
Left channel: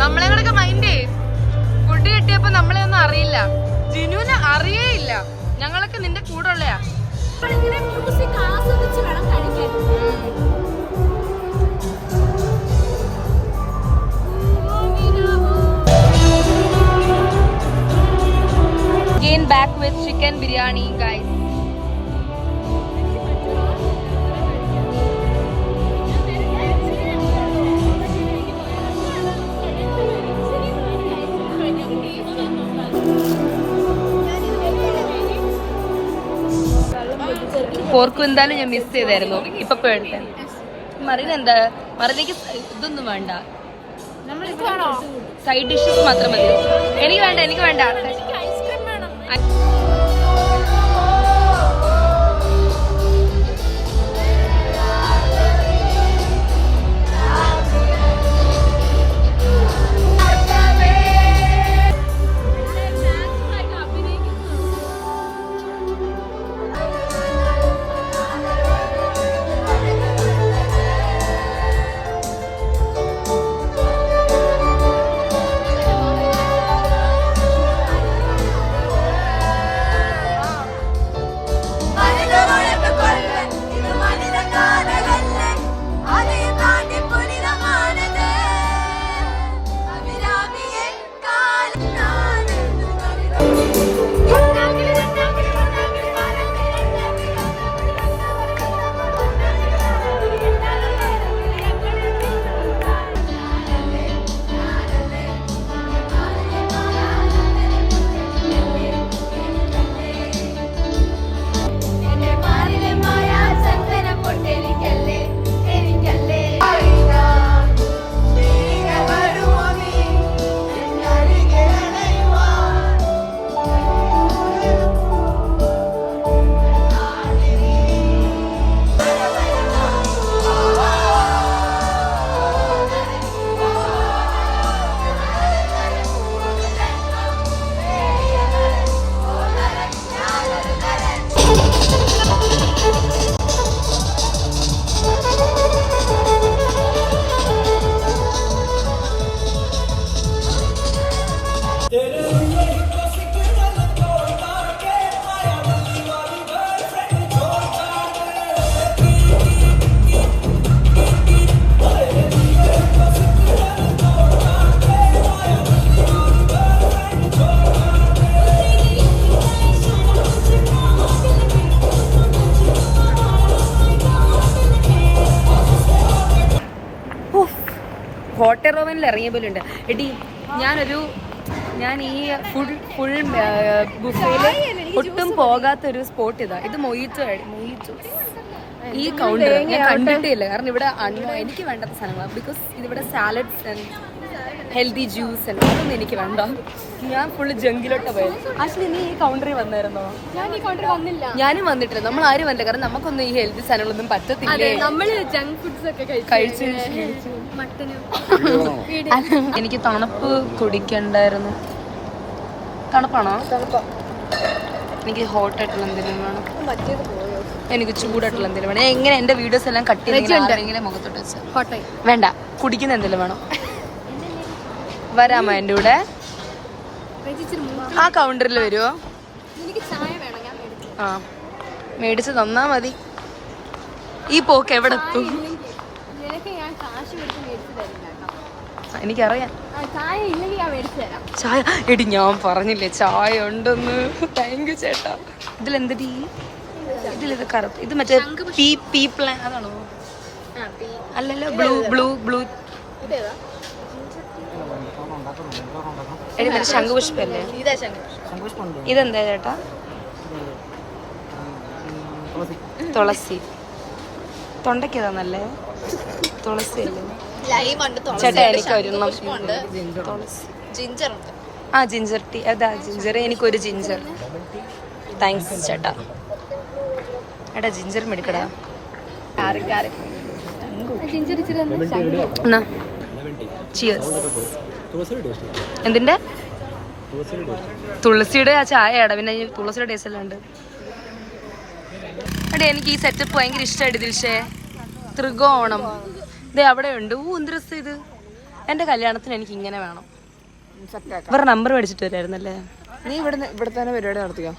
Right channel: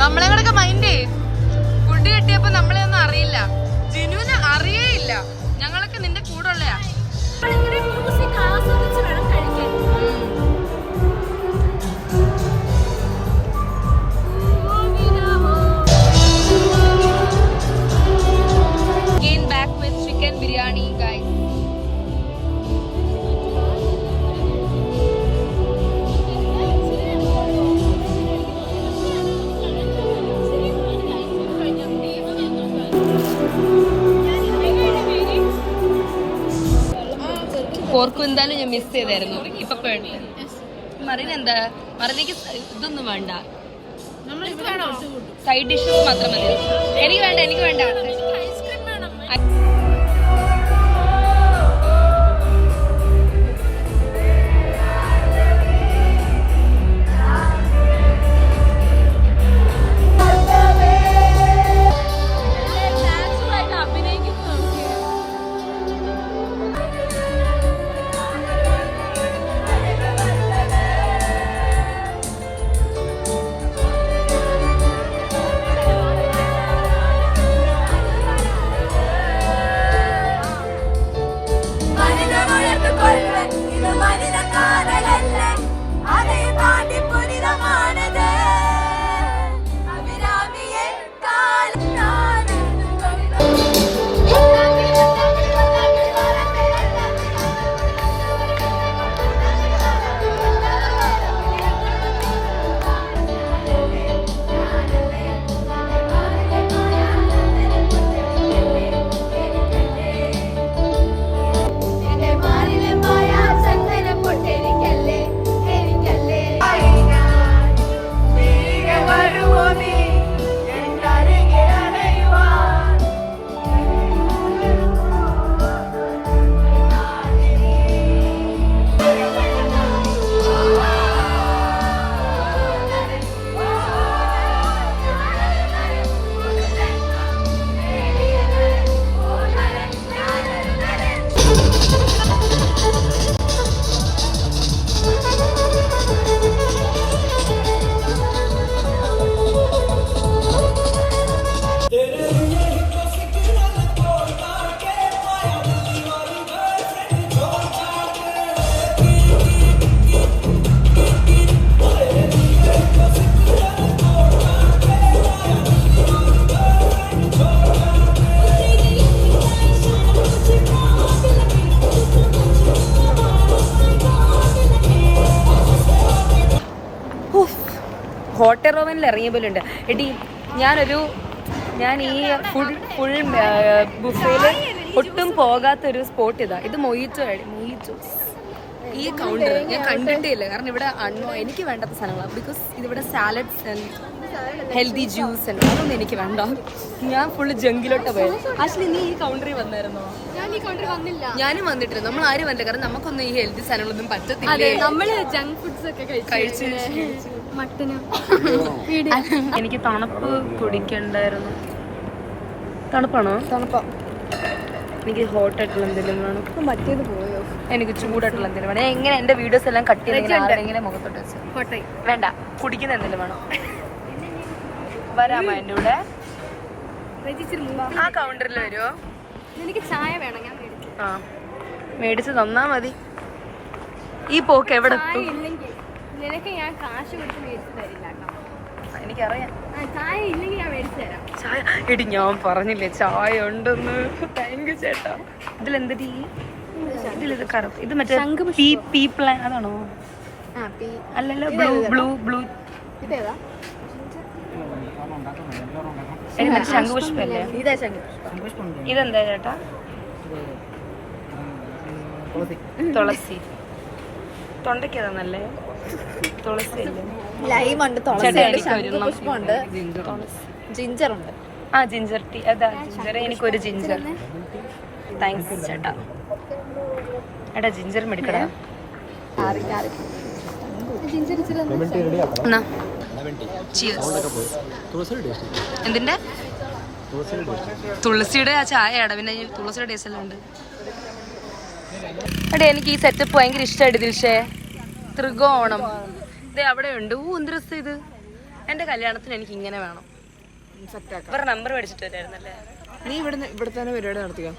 നമ്മളെ കൂടെ മൈൻഡ് ഫുഡ് കിട്ടിയപ്പോ നമ്മളെ ഒന്നും അറിയില്ല. ജിനുവിന് അറിയേയില്ല. ഞങ്ങളൊക്കെ നിന്റെ കൂടെ ഉള്ളയാ. Again back with chicken biryani, guys. പോർക്കും എന്തായാലും ഞാൻ മിസ് ചെയ്തായിരുന്നു. ഇപ്പൊ വേണ്ട മറിന് എന്താ മറിനേക്ക് ഇതൊന്നും വേണ്ട, സൈഡ് ഡിഷസ് മാത്രം മതി. എനിക്ക് വേണ്ട, എനിക്ക് വേണ്ട. ഹോട്ടൽ റോമനിൽ ഇറങ്ങിയ പോലെ ഉണ്ട് എടി. ഞാൻ ഈ ഫുൾ ബുഫേയിൽ ഒട്ടും പോകാത്തൊരു സ്പോട്ട് ഇതാ. ഇത് മൊയ്റ്റോ. ഈ കൗണ്ടർ ഞാൻ കണ്ടിട്ടില്ല, കാരണം ഇവിടെ എനിക്ക് വേണ്ടാത്ത സാധനങ്ങളാണ്. ബിക്കോസ് ഇതിവിടെ സാലഡ്സ് ആൻഡ് ഹെൽത്തി ജ്യൂസ് എല്ലാം അതൊന്നും എനിക്ക് വേണ്ട. ഞാൻ ഫുള്ള് ജങ്കിലോട്ട് പോയത്. ആക്ച്വലി നീ ഈ കൗണ്ടറിൽ വന്നായിരുന്നോ? ഞാൻ ഈ കൗണ്ടർ വന്നില്ല. ഞാനും വന്നിട്ടില്ല. നമ്മൾ ആരും വന്നില്ല, കാരണം നമുക്കൊന്നും ഈ ഹെൽത്തി സാധനങ്ങളൊന്നും പറ്റത്തില്ലേ. നമ്മള് ജങ്ക് ഫുഡ്സ് ഒക്കെ കഴിച്ചു. എനിക്ക് തണുപ്പ് കുടിക്കണ്ടായിരുന്നു. തണുപ്പാണോ? എനിക്ക് ഹോട്ടായിട്ടുള്ള എന്തെങ്കിലും വേണം. എനിക്ക് ചൂടായിട്ടുള്ള എന്തെങ്കിലും വേണം. എങ്ങനെ എന്റെ വീഡിയോസ് എല്ലാം കട്ട് ചെയ്യുന്ന ആരുടെങ്കിലും മുഖത്തോട്ട് വെച്ചാൽ വേണ്ട. കുടിക്കുന്ന എന്തെങ്കിലും വേണം. വരാമോ എന്റെ കൂടെ? ആ കൗണ്ടറിൽ വരുമോ? എനിക്ക് ചായ വേണം. ഞാൻ ആ മേടിച്ച് തന്നാ മതി. ഈ പോക്ക് എവിടെ എത്തും? നിനക്ക് ഞാൻ കാശ് കൊടുത്ത് മേടിച്ചു തരില്ല. എനിക്കറിയാം. ചായ ഇല്ലെങ്കിൽ ഞാൻ മേടിച്ചു തരാം. ചായ എടി ഞാൻ പറഞ്ഞില്ലേ ചായ ഉണ്ടെന്ന്. താങ്ക് യു ചേട്ടാ. ഇതിലെന്തടി? ഇതിലിത് കറുപ്പ്. ഇത് മറ്റേ പീ പ്ലാൻ അതാണോ? അല്ലല്ലോ. ബ്ലൂ എടി മറ്റേ ശംഖുപുഷ്പല്ലേ? ഇതെന്താ ചേട്ടാ? തുളസി. തൊണ്ടയ്ക്ക് തന്നല്ലേ? തുളസി അല്ലേ? ലൈം ഉണ്ട്, ചേട്ടാ എനിക്ക് ഒരെണ്ണം ജിഞ്ചർ ഉണ്ട്. ആ ജിഞ്ചർ ടീ അതാ ജിഞ്ചർ എനിക്കൊരു ജിഞ്ചർ താങ്ക്സ് ചേട്ടാ. എടാ ജിഞ്ചർ മെടുക്കടാ. ജിഞ്ചർ ഇച്ചിരി എന്നാ ചിയേഴ്സ്. എന്തിന്റെ തുളസിയുടെ ആ ചായയാടാ. പിന്നെ ഈ തുളസിയുടെ ടേസ്റ്റ് എല്ലാം ഉണ്ട്. എടേ എനിക്ക് ഈ സെറ്റപ്പ് ഭയങ്കര ഇഷ്ടമായിട്ട് ദിൽഷേ. ത്രികോണം ഇത് അവിടെ ഉണ്ട്. എന്ത് രസം ഇത്. എന്റെ കല്യാണത്തിന് എനിക്ക് ഇങ്ങനെ വേണം. ഇവരുടെ നമ്പർ മേടിച്ചിട്ട് വരുമായിരുന്നല്ലേ. നീ ഇവിടെ തന്നെ പരിപാടി നടത്തുക.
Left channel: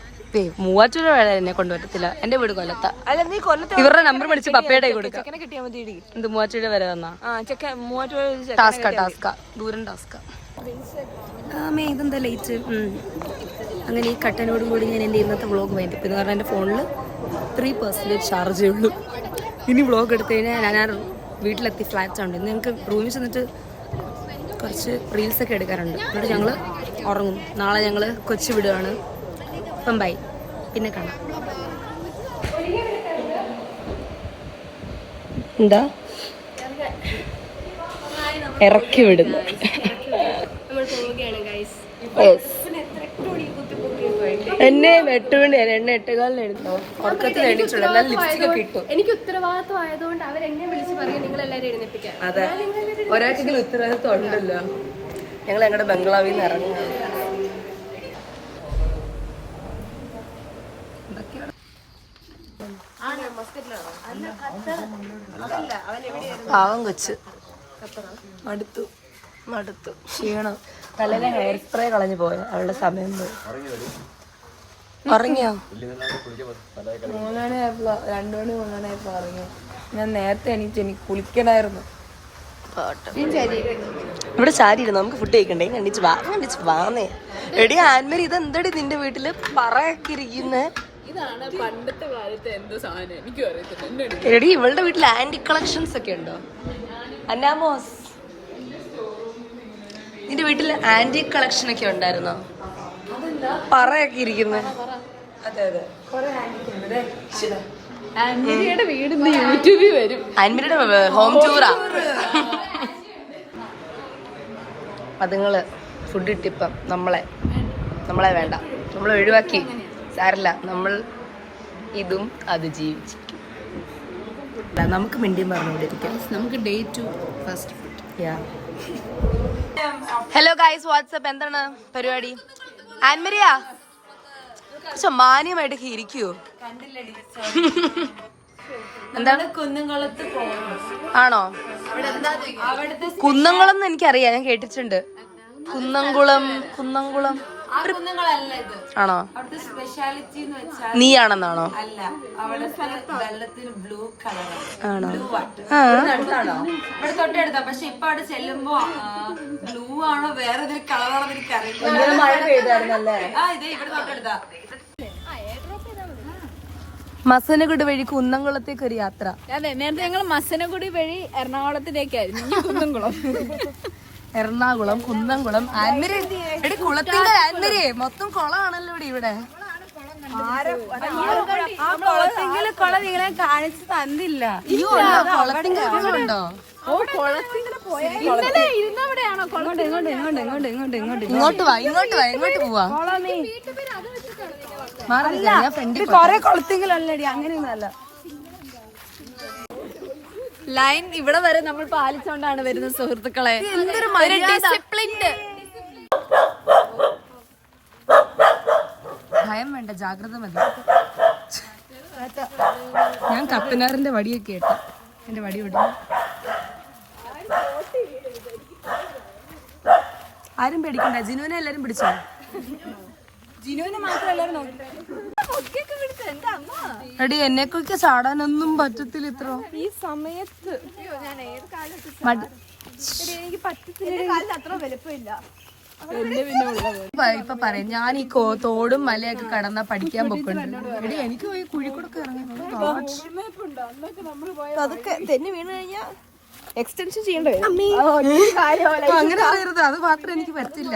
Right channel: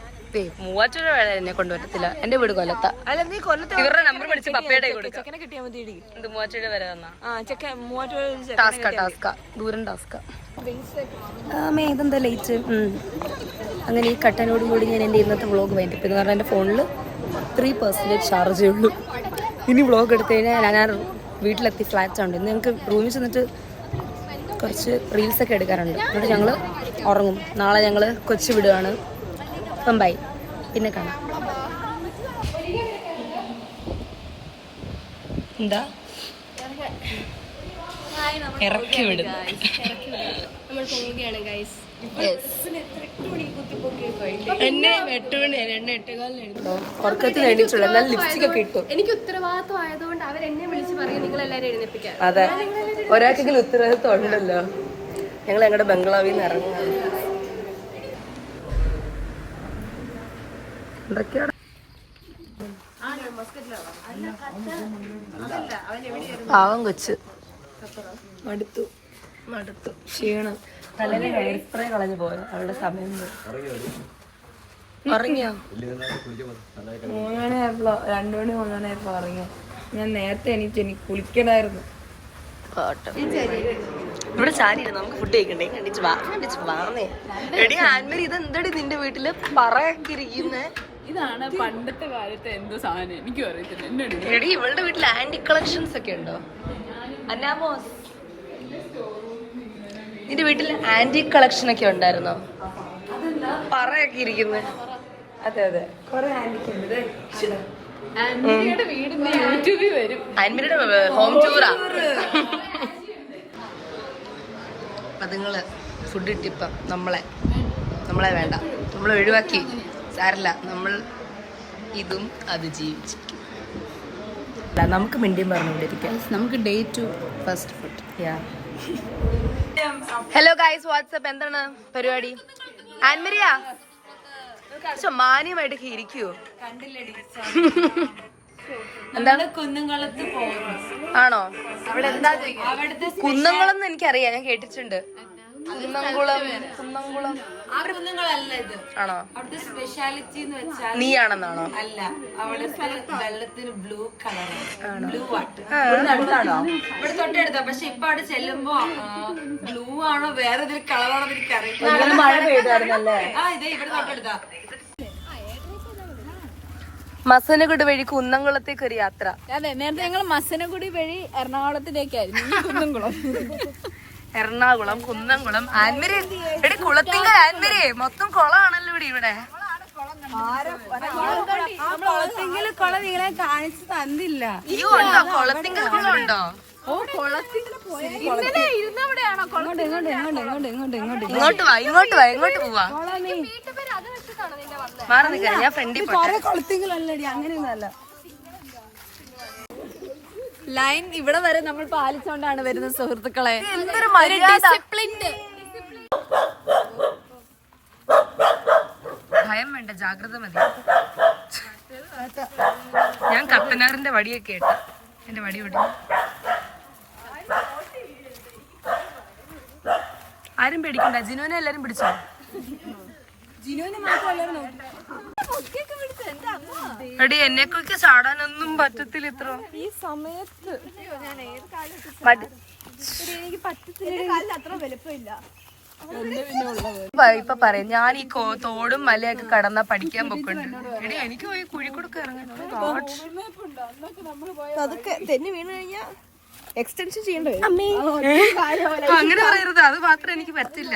മൂവാറ്റൂർ എന്നെ കൊണ്ടുപറ്റത്തില്ല. എന്റെ വീട് കൊല്ലത്ത. ഇവരുടെ നമ്പർ മേടിച്ച് പപ്പയുടെ കൊടുക്കാം. എന്ത് മൂവാറ്റൂർ വരെ വന്നാ ടാസ്കാ ദൂരം ടാസ്കാ. ഇതെന്താ ലേറ്റ്. അങ്ങനെ ഈ കട്ടനോട് കൂടി ഞാൻ എൻ്റെ ഇന്നത്തെ വ്ളോഗ് വേണ്ടിപ്പ് എന്ന് പറഞ്ഞാൽ എൻ്റെ ഫോണിൽ 3% ചാർജേ ഉള്ളൂ. ഇനി വ്ളോഗ് എടുത്തു കഴിഞ്ഞാൽ ഞാൻ വീട്ടിലെത്തി ഫ്ലാറ്റ് ഉണ്ട്. ഇന്ന് ഞങ്ങൾക്ക് റൂമിൽ ചെന്നിട്ട് കുറച്ച് റീൽസൊക്കെ എടുക്കാറുണ്ട്. എന്നിട്ട് ഞങ്ങൾ ഉറങ്ങും. നാളെ ഞങ്ങൾ കൊച്ചി വിടുകയാണ്. അപ്പം ബൈ, പിന്നെ കാണാം. എന്താ ഇറക്കി വിടുന്നു. എന്നെ 8 മണിയാണ്. എന്നെ 8:15 എടുത്തോ. ഉറക്കത്തിൽ എണീറ്റുള്ളൂ. എന്നാൽ ലിപ്സ്റ്റിക് ഒക്കെ ഇട്ടു. എനിക്ക് ഉത്തരവാദിത്വം ആയതുകൊണ്ട് അവരെന്നെ വിളിച്ച് പറയും നിങ്ങൾ എല്ലാവരും എഴുന്നേപ്പിക്കാൻ. അതെ, ഒരാൾക്കെങ്കിലും ഉത്തരവാദിത്വം ഉണ്ടല്ലോ. ഞങ്ങൾ ഞങ്ങളുടെ ബംഗ്ലാവിൽ നിന്ന് ഇറങ്ങും. പാവം കൊച്ച് മടുത്തു ക്ഷീണം. തലയിലെ ഹെയർ സ്പ്രേ കളഞ്ഞു പോയത് അവളുടെ സമയം പോയി. ഉറങ്ങിയോ? 3 മണിയായപ്പോഴോ 2 മണി 3 മണിയായപ്പോ ഉറങ്ങിയോ? ഞാൻ നേരത്തെ എനിക്ക് കുളിക്കണായിരുന്നു. ഇവിടെ ചാരിയിരുന്നു. നമുക്ക് ഫുഡ് കഴിക്കണ്ടേ? കണ്ടിച്ച് വാന്നേ. എടി ആൻമരി ഇതെന്തടി നിന്റെ വീട്ടില് പറയൊക്കെ ഇരിക്കുന്നേ? ഇതാണ് പണ്ടത്തെ കാലത്തെ എന്തോ സാധനം, എനിക്കും അറിയത്തില്ല. എടി ഇവളുടെ വീട്ടിൽ ആന്റി കളക്ഷൻസ് ഒക്കെ ഉണ്ടോ? അന്നാമോസ് നിന്റെ വീട്ടിൽ ആന്റി കളക്ഷൻ ഒക്കെ ഉണ്ടായിരുന്നോ? പറയൊക്കെ ഇരിക്കുന്നേ. അതെ അതെ, കുറെ ആന്റിയുടെ വീടിന്റെ യൂട്യൂബിൽ വരും. ആൻമരിയുടെ ഹോം ടൂറാ. അതുങ്ങള് ഫുഡ് ഇട്ടിപ്പം നമ്മളെ വേണ്ട, നമ്മളെ ഒഴിവാക്കി. സാരല്ല, നമ്മൾ ഇതും അത് ജീവിച്ചു. നമുക്ക് മിണ്ടിയും പറഞ്ഞുകൊണ്ട് ഇരിക്കാം. നമുക്ക് day 2 first food. Hello guys, WhatsApp. എന്താണ് പരിപാടി? ആൻമരിയാ മാന്യമായിട്ടൊക്കെ ഇരിക്കുവോ? എന്താണ് കുന്നംകുളത്ത് പോകുന്നു. ആണോ? കുന്നംകുളം എനിക്കറിയാം, ഞാൻ കേട്ടിട്ടുണ്ട്. കുന്നംകുളം ആണോ? അവിടുത്തെ സ്പെഷ്യാലിറ്റി എന്ന് വെച്ചാൽ നീയാണെന്നാണോ? അല്ല, അവിടുത്തെ വെള്ളത്തിന് ബ്ലൂ കളറാണ്. ബ്ലൂ വാട്ടർ ഇവിടെ തൊട്ടെടുത്ത. പക്ഷെ ഇപ്പൊ അവിടെ ചെല്ലുമ്പോ ബ്ലൂ ആണോ വേറെ ഏതൊരു കളറാണോ എനിക്കറിയില്ല. ആ ഇതേ ഇവിടെ തൊട്ടെടുത്ത. മസനഗുഡി വഴി കുന്നംകുളത്തേക്ക് ഒരു യാത്ര. അതെ, നേരത്തെ ഞങ്ങൾ മസനഗുഡി വഴി എറണാകുളത്തിലേക്കായിരുന്നു. കുന്നംകുളം, എറണാകുളം, കുന്നംകുളം, ആൻമരി. എടി കുളത്തിങ്കൽ ആൻമരി മൊത്തം കുളമാണല്ലോ ഇവിടെ. കുളം നിങ്ങളെ കാണിച്ചു തന്നില്ല. കുളത്തിങ്കലുണ്ടോ? ഇങ്ങോട്ട് പോവാ. കൊറേ കുളത്തിങ്കലല്ലടി, അങ്ങനെയൊന്നല്ല. ലൈൻ ഇവിടെ വരെ നമ്മൾ പാലിച്ചോണ്ടാണ് വരുന്നത് സുഹൃത്തുക്കളെ. ഡിസിപ്ലിൻഡ്. ഭയം വേണ്ട, ജാഗ്രത മതി. ഞാൻ കപ്പനാറിന്റെ വടിയൊക്കെ ഇട്ടു. എന്റെ വടി വിടുന്നു. ആരും പേടിക്കണ്ട. ജിനുവിനെ എല്ലാരും പിടിച്ചോ? ജിനുവിന് മാത്രമല്ല എടി എന്നെക്കൊക്കെ ചാടാനൊന്നും പറ്റത്തില്ല ഇത്ര ഈ സമയത്ത്. എനിക്ക് പറ്റത്തില്ല, അത്ര വലുപ്പമില്ല. ഇപ്പൊ പറയാം, ഞാൻ ഈ തോടും മലയൊക്കെ കടന്നാ പഠിക്കാൻ പൊക്കുന്നുണ്ട്. എടി എനിക്ക് പോയി കുഴിക്കൂടൊക്കെ ഇറങ്ങി. അതൊക്കെ തെന്നി വീണ് കഴിഞ്ഞാ എക്സ്റ്റൻഷൻ ചെയ്യേണ്ടി വരും. അങ്ങനെ പറയരുത്, അത് മാത്രം എനിക്ക് പറ്റില്ല.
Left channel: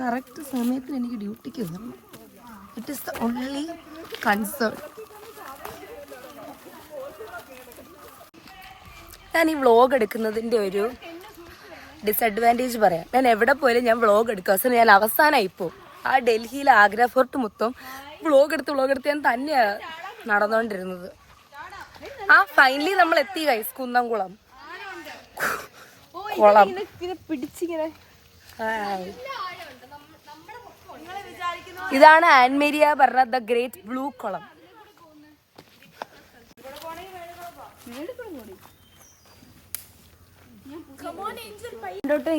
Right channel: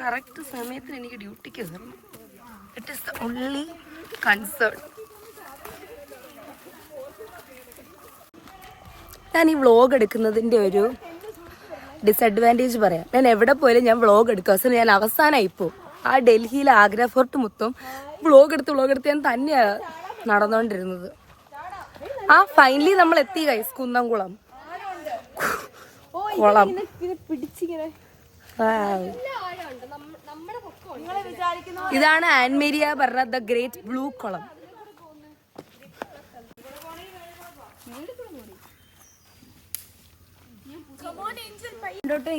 കറക്റ്റ് സമയത്തിന് എനിക്ക് ഡ്യൂട്ടിക്ക് എത്തും. It is the only concern. ഞാൻ ഈ വ്ളോഗ് എടുക്കുന്നതിന്റെ ഒരു ഡിസഡ്വാൻറ്റേജ് പറയാം. ഞാൻ എവിടെ പോയാലും ഞാൻ വ്ളോഗ് എടുക്കും. അവസാനം ഞാൻ അവസാനമായി പോകും. ആ ഡൽഹിയിലെ ആഗ്ര ഫോർട്ട് മൊത്തം വ്ളോഗ് എടുത്ത് ഞാൻ തന്നെയാണ് നടന്നുകൊണ്ടിരുന്നത്. ഫൈനലി നമ്മൾ എത്തി ഗൈസ്, കുന്നംകുളം കുളം. ഇതാണ് ആൻമേരിയ പറഞ്ഞ ദ ഗ്രേറ്റ് ബ്ലൂ കുളം.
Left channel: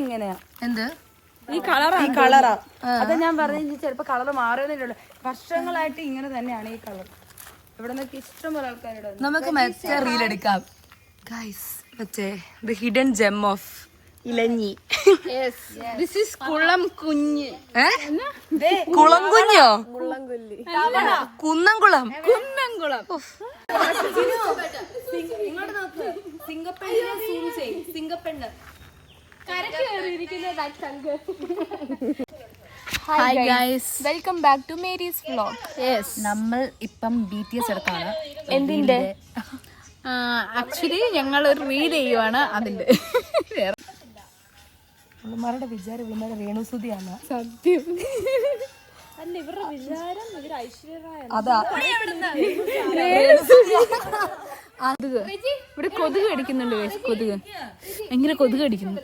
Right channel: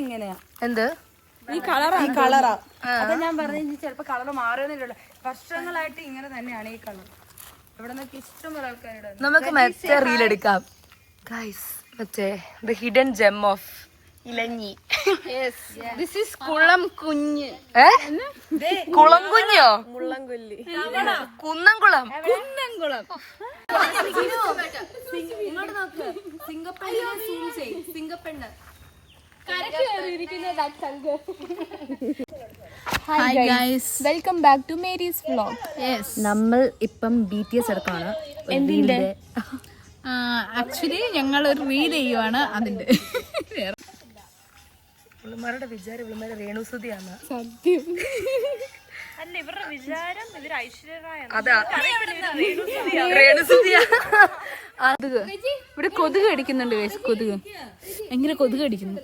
ഇങ്ങനെയാ എന്ത് ഈ കളറാ. അപ്പൊ ഞാൻ പറഞ്ഞു ചിലപ്പോ കളർ മാറുന്നില്ല. വർഷങ്ങളായിട്ട് ഇങ്ങനെ തന്നെയാണ് ഈ കളർ. ഇവിടെ നിന്നൊക്കെ ഇഷ്ടംപോലെ ആൾക്കാരുടെ. നമുക്ക് മറ്റേ റീൽ എടുക്കാം ഗൈസ്, മറ്റേ ദ ഹിഡൻ ജെം ഓഫ് ഇലഞ്ഞി. കുളം കുഞ്ഞ് കുളം കുഞ്ഞോ? കുന്നംകുളം. ഇങ്ങോട്ട് നോക്ക്, സിംഗപ്പെണ്ണിനെ സൂം ചെയ്യും. സിംഗപ്പെണ്ണ്. Hi guys, welcome back to Mary's vlog. നമ്മൾ ഇപ്പം BTS എടുക്കാണ്. എന്തിന്റെ? ആക്ച്വലി ഞങ്ങൾ ഒരു റീൽ ചെയ്യുവാണ് അതിന്റെ. ഇവളുമാരുടെ വിചാരം ഇവളുമാരെ രേണുസുതിയാണ്. സത്യം. അതാ രേണുസുതിയാ. ഇവിടെ കൊതുക് അടിക്കുന്നുണ്ട്. കൊതുക് എങ്ങനെ കൊതുക് അടിക്കുന്നു?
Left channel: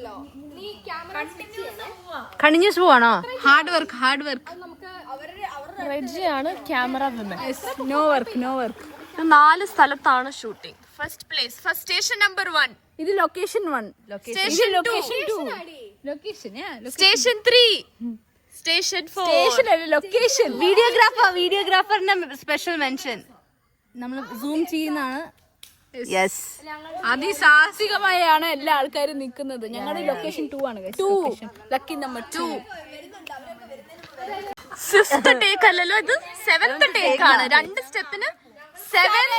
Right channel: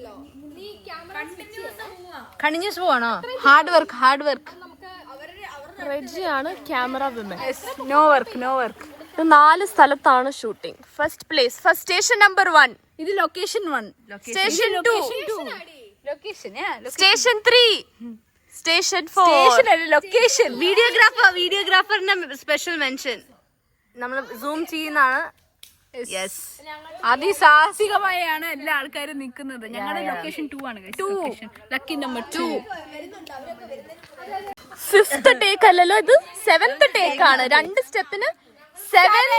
കണിഞ്ഞ ആണോ? Hard work. റെജിയാണ് ക്യാമറ വിമൻ. No work. 4 സ്ഥലത്താണ് shooting. First place, first station number 1. ഇത് location 1. Station 2. Station 3. Station 4. Location. വീഡിയോഗ്രാഫറിന്റെ സ്പെഷ്യൽ മെൻഷൻ. നമ്മൾ സൂം ചെയ്യുന്നതാണ്. യെസ്, അതിസാഹസികമായാണ് എല്ലാ ആൾക്കാരും നിൽക്കുന്നത്. ഞങ്ങളുടെ ലൊക്കേഷൻ 2 ആണ്. 2 ലക്കി നമ്പർ 2. 5th ടേക്ക് അല്ലല്ലോ, ഇത് 7th ടേക്ക് ആണ്. 2 സ്റ്റെപ്പിന് 7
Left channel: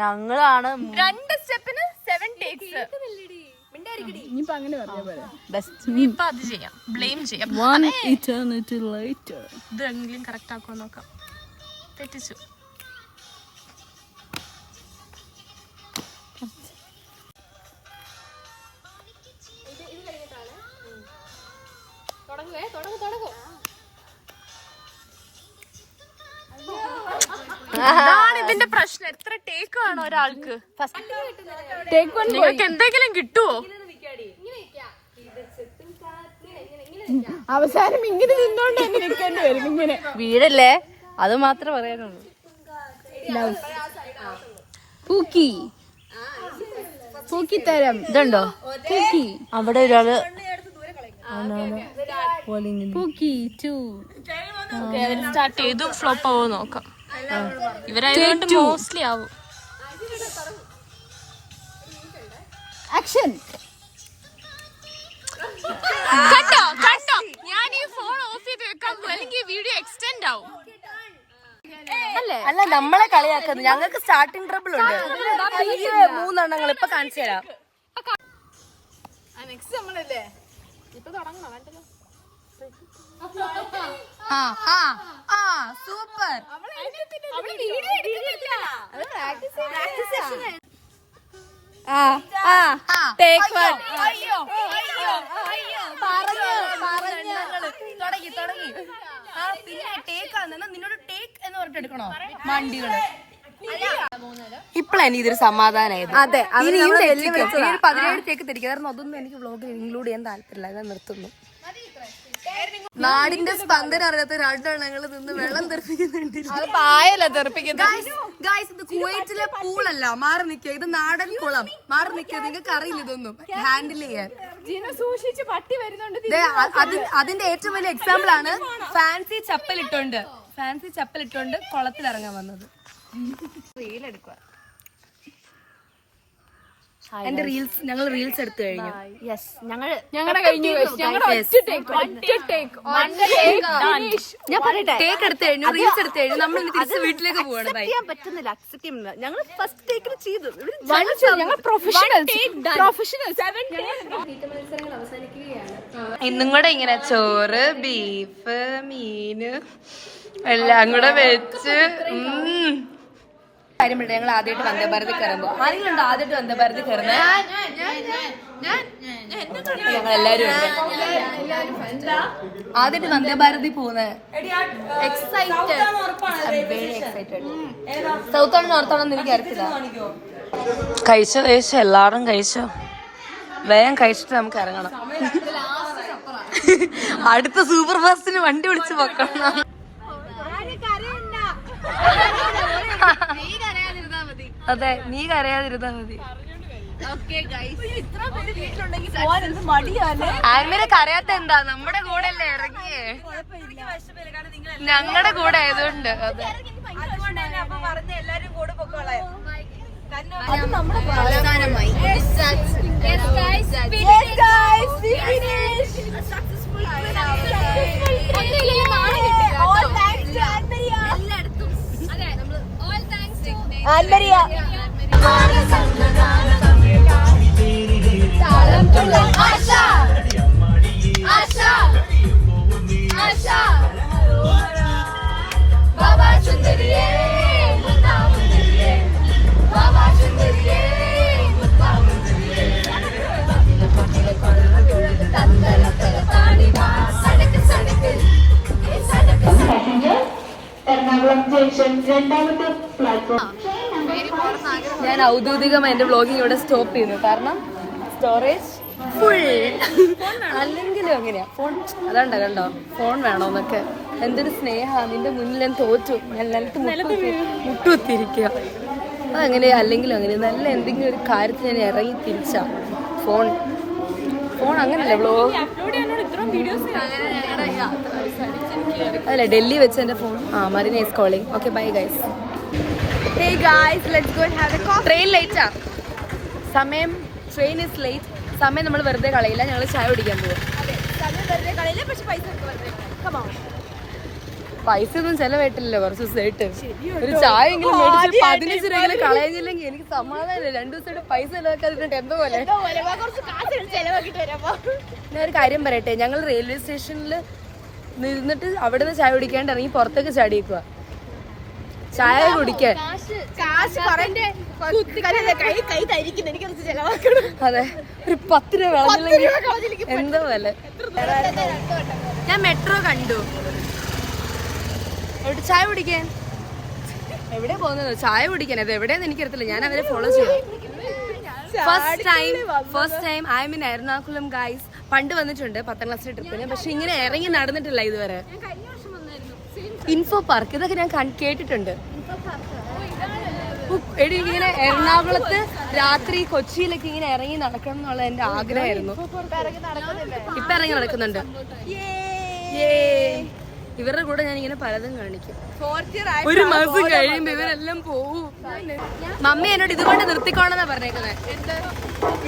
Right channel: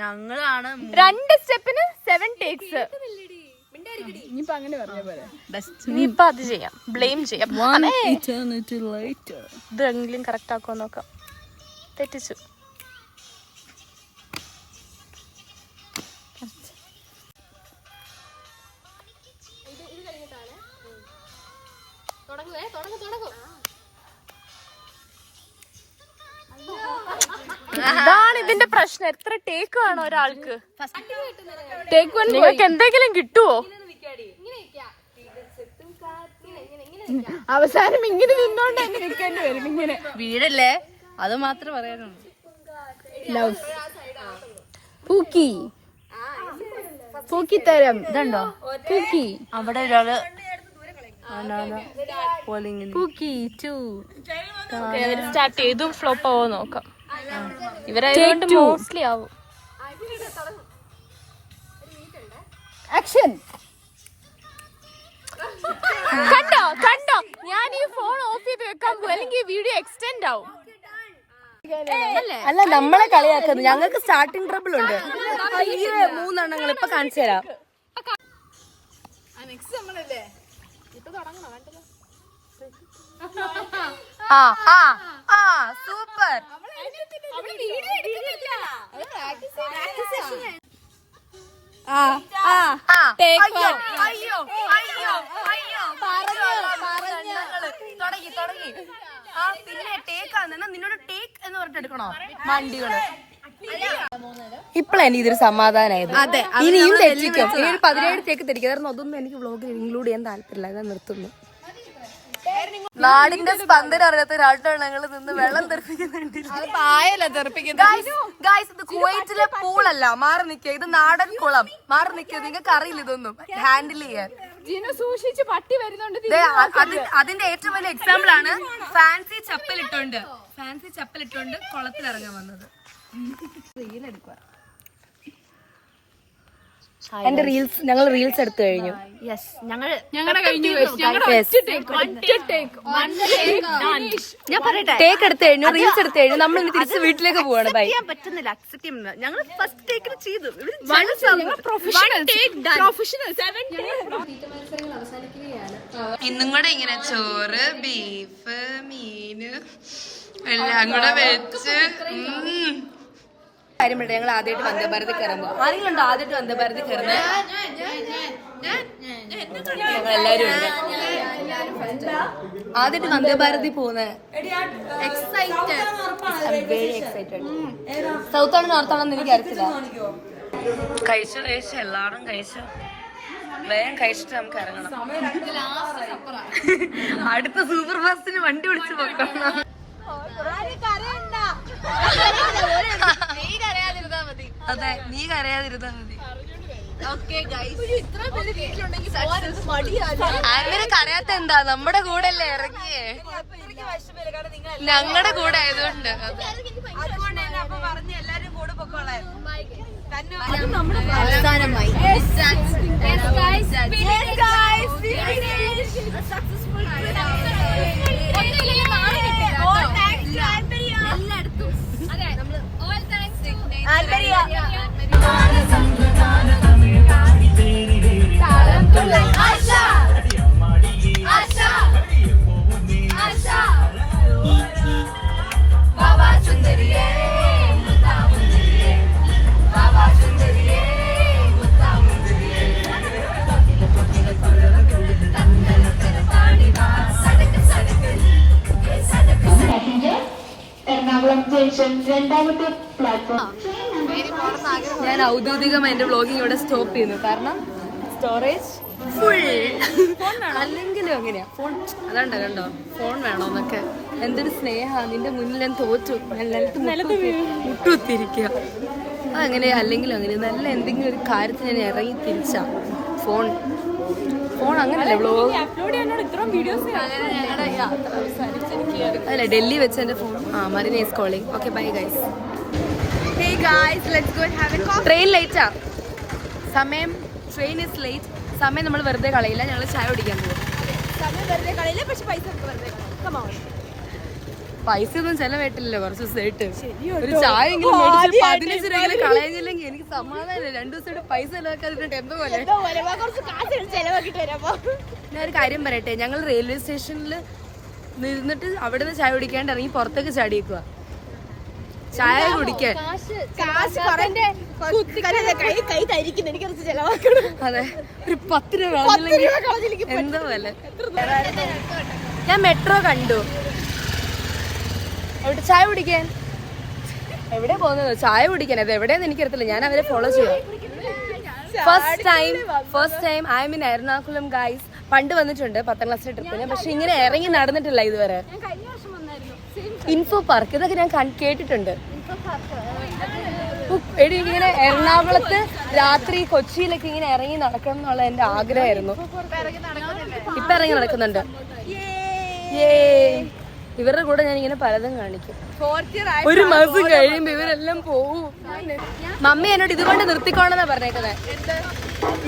ഞങ്ങളാണ് 2 സ്റ്റെപ്പിന് 7 ടേക്സ്. ഇനിയിപ്പോ അങ്ങനെ പറഞ്ഞ പോലെ ഇനിയിപ്പൊ അത് ചെയ്യാം, ബ്ലെയിം ചെയ്യാം. ഇതെങ്കിലും കറക്റ്റ് ആക്കുമോ നോക്കാം. തെറ്റിച്ചു. അതാണ് ഇതിന്റെ പ്രശ്നം. എത്ര ടേക്ക് വേണം ഒരാൾക്ക്? നിങ്ങൾക്ക് എന്തെങ്കിലും കിട്ടുവോ? അവസാനം ഇങ്ങനെ നിന്നോണ്ട് അങ്ങനെ നിൽക്കേണ്ടി വരും. ഇങ്ങനെ വീടല്ലേ, അത് മാത്രമേ പറയാനുള്ളൂ. തരം ഇതുണ്ടോ? അവിടെ ഒരാള് സ്റ്റാർട്ട് ചെയ്തു. ഫ്ലോപ്പ് ആവോ നോക്കാം. ഇവരായതുകൊണ്ട് മോസ്റ്റ്ലി ആവും. ആക്ഷൻ. കണ്ടോ ഞാൻ ഈ ഫോൺ ഓഫ് ചെയ്ത് വെക്കാൻ പോകും, അല്ലെങ്കിൽ വീഡിയോ എക്സ്റ്റെൻഡ് ആവും. അല്ല, നമ്മളെ കളിയാക്കുന്നു. ഞങ്ങൾക്ക് സ്റ്റാർട്ടിംഗ് ട്രബിൾ ഉണ്ട്. അയ്യോ, 3 എണ്ണങ്ങൾ ഇപ്പൊ കാണിച്ചു തരാം. സൂപ്പർ. ഇപ്പഴാണ് ഇതൊരു സമാധാനമായത്. അതെ, 17 ടേക്ക് തിരിക്കായിരുന്നു. അതൊന്നും എനിക്ക് വ്ളോഗിൽ ഇൻക്ലൂഡ് ചെയ്യാൻ താല്പര്യമില്ല. ഞാൻ നിർത്തുന്നു. നാടിന്റെ സ്പന്ദനം അറിയാത്ത 2 എണ്ണങ്ങൾ നിന്ന് വെള്ളം തെറിപ്പിക്കുന്നുണ്ട്. ഇത് കുവൈറ്റിലെ പൂളല്ല. മാറി നിൽക്കുക. ഇത് നാടൻ കുളം. മാറി നിൽക്കുക. നിങ്ങൾക്ക് അറിയില്ല ഇതൊന്നും ഹാൻഡിൽ ചെയ്യാൻ. അതിന്റെ ഏറ്റവും വലിയ എക്സാമ്പിൾ ആണ് ഫാൻസി ചപ്പലിട്ടോണ്ട് കുളത്തിൽ ഇറങ്ങാൻ വന്നത്. എന്റെ റീൽസ്, ഞങ്ങൾ റീൽസ് എടുത്തു കഴിഞ്ഞു. ഞാൻ പറയട്ടെ, ടേക്ക് എടുത്തു കഴിഞ്ഞു, റീൽസ് എടുത്തു കഴിഞ്ഞു. നമ്മൾ തിരിച്ച് വീട്ടിലേക്ക് പോവാണ്. പറ്റുന്നില്ല, അക്സെപ്റ്റ് ചെയ്യുന്നില്ല. ഞങ്ങൾ ഫസ്റ്റ് ടേക്കിന് ചെയ്തു. ഇന്നും കൂടെ ഇങ്ങനെ ചോറ്, ബീഫ്, മീന് എല്ലാം കൂടെ വെച്ച് കാര്യം പറയട്ടെ, ഞങ്ങൾ ആദ്യമായിട്ട് വന്ദേ ഭാരതിൽ കയറുമ്പോ ആണെങ്കിലുണ്ടോ ആദ്യമായിട്ട് വന്ദേ ഭാരതിൽ കയറുന്നത്? ഞങ്ങൾ എല്ലാരും ഉണ്ട്. ആദ്യമായിട്ട് വന്ദേ ഭാരതി പോകുന്നത്. എക്സൈറ്റഡ്. സൗത്ത് ആണോ നോർത്ത് ആണോ എന്ന് എനിക്ക് അറിയത്തില്ല. കഴിച്ചോ എല്ലാവരും കഴിച്ചോ. വേഗം കഴിച്ചിട്ട് നമുക്ക് ഇറങ്ങണം. അടുത്ത സൂപ്പർ ഫാസ്റ്റിന് വണ്ടി വിളിച്ച് വെക്കണം. അതെ, നീ കരയാതിരുന്നാ മതി. ആൻമേരെ കരയാത്ത എന്താ, നമ്മുടെ കൂടെ അല്ലേ ഇറങ്ങിയേ, ഞങ്ങളുടെ കൂടെ ആയതുകൊണ്ട്. അതെ, അവസാനമായി ഞാൻ ഔദ്യോഗികമായി എന്റെ വ്ളോഗിങ് ഇവിടെ സ്റ്റോപ്പ് ചെയ്യുന്നു. കാരണം സ്റ്റോറേജ് ഫുൾ. അല്ലെങ്കിലും അങ്ങനെയാ ഫോൺ. അതാണ്ട കണ്ടോ, ഫോൺ വേണോന്നൊക്കെ. എന്തൊരു സ്നേഹ, നിന്റെ മുന്നിൽ ഞാൻ തോറ്റു. ഞാൻ നിലത്ത് മുട്ടുകുത്തിരിക്കുക. അതങ്ങനെയാ, അല്ലെങ്കിലും അങ്ങനെ നല്ല എന്തെങ്കിലും ഒരു കാര്യത്തിന് ഞാൻ ഇറങ്ങി തിരിച്ചാ ഫോൺ അങ്ങനല്ലേ വ്ളോഗ്. അല്ല, ഡൽഹി വെച്ച് എന്റെ phone. Marina is calling. Okay, bye guys. Train ലേറ്റാ. സമയം, ട്രെയിൻ ഇസ് ലേറ്റ്. സമയം നമ്മൾ വെറുതെ കളയില്ല, ഞങ്ങൾ ചായ കുടിക്കാൻ പോവാം. പൈസ ഒന്നും ചെലവായിട്ടില്ലല്ലോ കുറച്ച് ദിവസമായിട്ട്. ഒരു ചായ എങ്കിലും 15 രൂപ കളയുന്നില്ലെങ്കിൽ എനിക്ക് സമാധാനമില്ല. 2 ദിവസമായിട്ട് പൈസ ചെലവാക്കാതിട്ട് എന്തോ പോലെ. ഞാൻ ഒരു കാര്യം പറയട്ടെ, ഞങ്ങൾ റെയിൽവേ സ്റ്റേഷനിൽ നിന്നിട്ട് അവിടെ നിന്ന് ചായ കുടിക്കാണ്ട് ഇറങ്ങി പുറത്തേക്ക് ചാടിയേക്കുക ചായ കുടിക്കാൻ. അതെ, ഒരു 10 രൂപ കളഞ്ഞില്ലെങ്കിൽ എന്തോ പോലെ. ഞാൻ മെട്രോ കണ്ടു, അവിടെ ചായ കുടിക്കാൻ. എവിടെ പോകുന്നത്? ചായ കുടിക്കാൻ. അത് എവിടെയെന്ന് എനിക്കറിയത്തില്ല, ഞാൻ അവരെ ഫോളോ ചെയ്യാം. First time I M in Ernakulam guys. പണ്ട് വന്നിട്ടുണ്ട് 10ാം ക്ലാസ്സിലെ ട്രിപ്പിന്, പക്ഷെ ഇങ്ങനെ ഇറങ്ങി നടന്നിട്ടില്ല ഇതുവരെ. ഇൻഫോ പാർക്ക് ഇതൊക്കെ ഞാൻ കേട്ടിട്ടുണ്ട്. ഇങ്ങനെ എറണാകുളത്ത് രാത്രി കൊച്ചിയിലൊക്കെ ഇങ്ങനെ ഇറങ്ങി നടക്കണം എന്നുള്ള എന്റെ ആഗ്രഹമായിരുന്നു. ഇപ്പൊ ഇറങ്ങി നടക്കുന്നുണ്ട്. ഇവരുടെ കൂടെ ഞാൻ ഇങ്ങനെ പലതും കാണിക്കും. 1 മാസം കഴിയുമ്പോ ഇവരെല്ലാം പോവും. മമ്മി എന്നോട് ഇതുകൊണ്ട് നിർത്തിക്കോണെന്നാ പറഞ്ഞേക്കുന്നത്.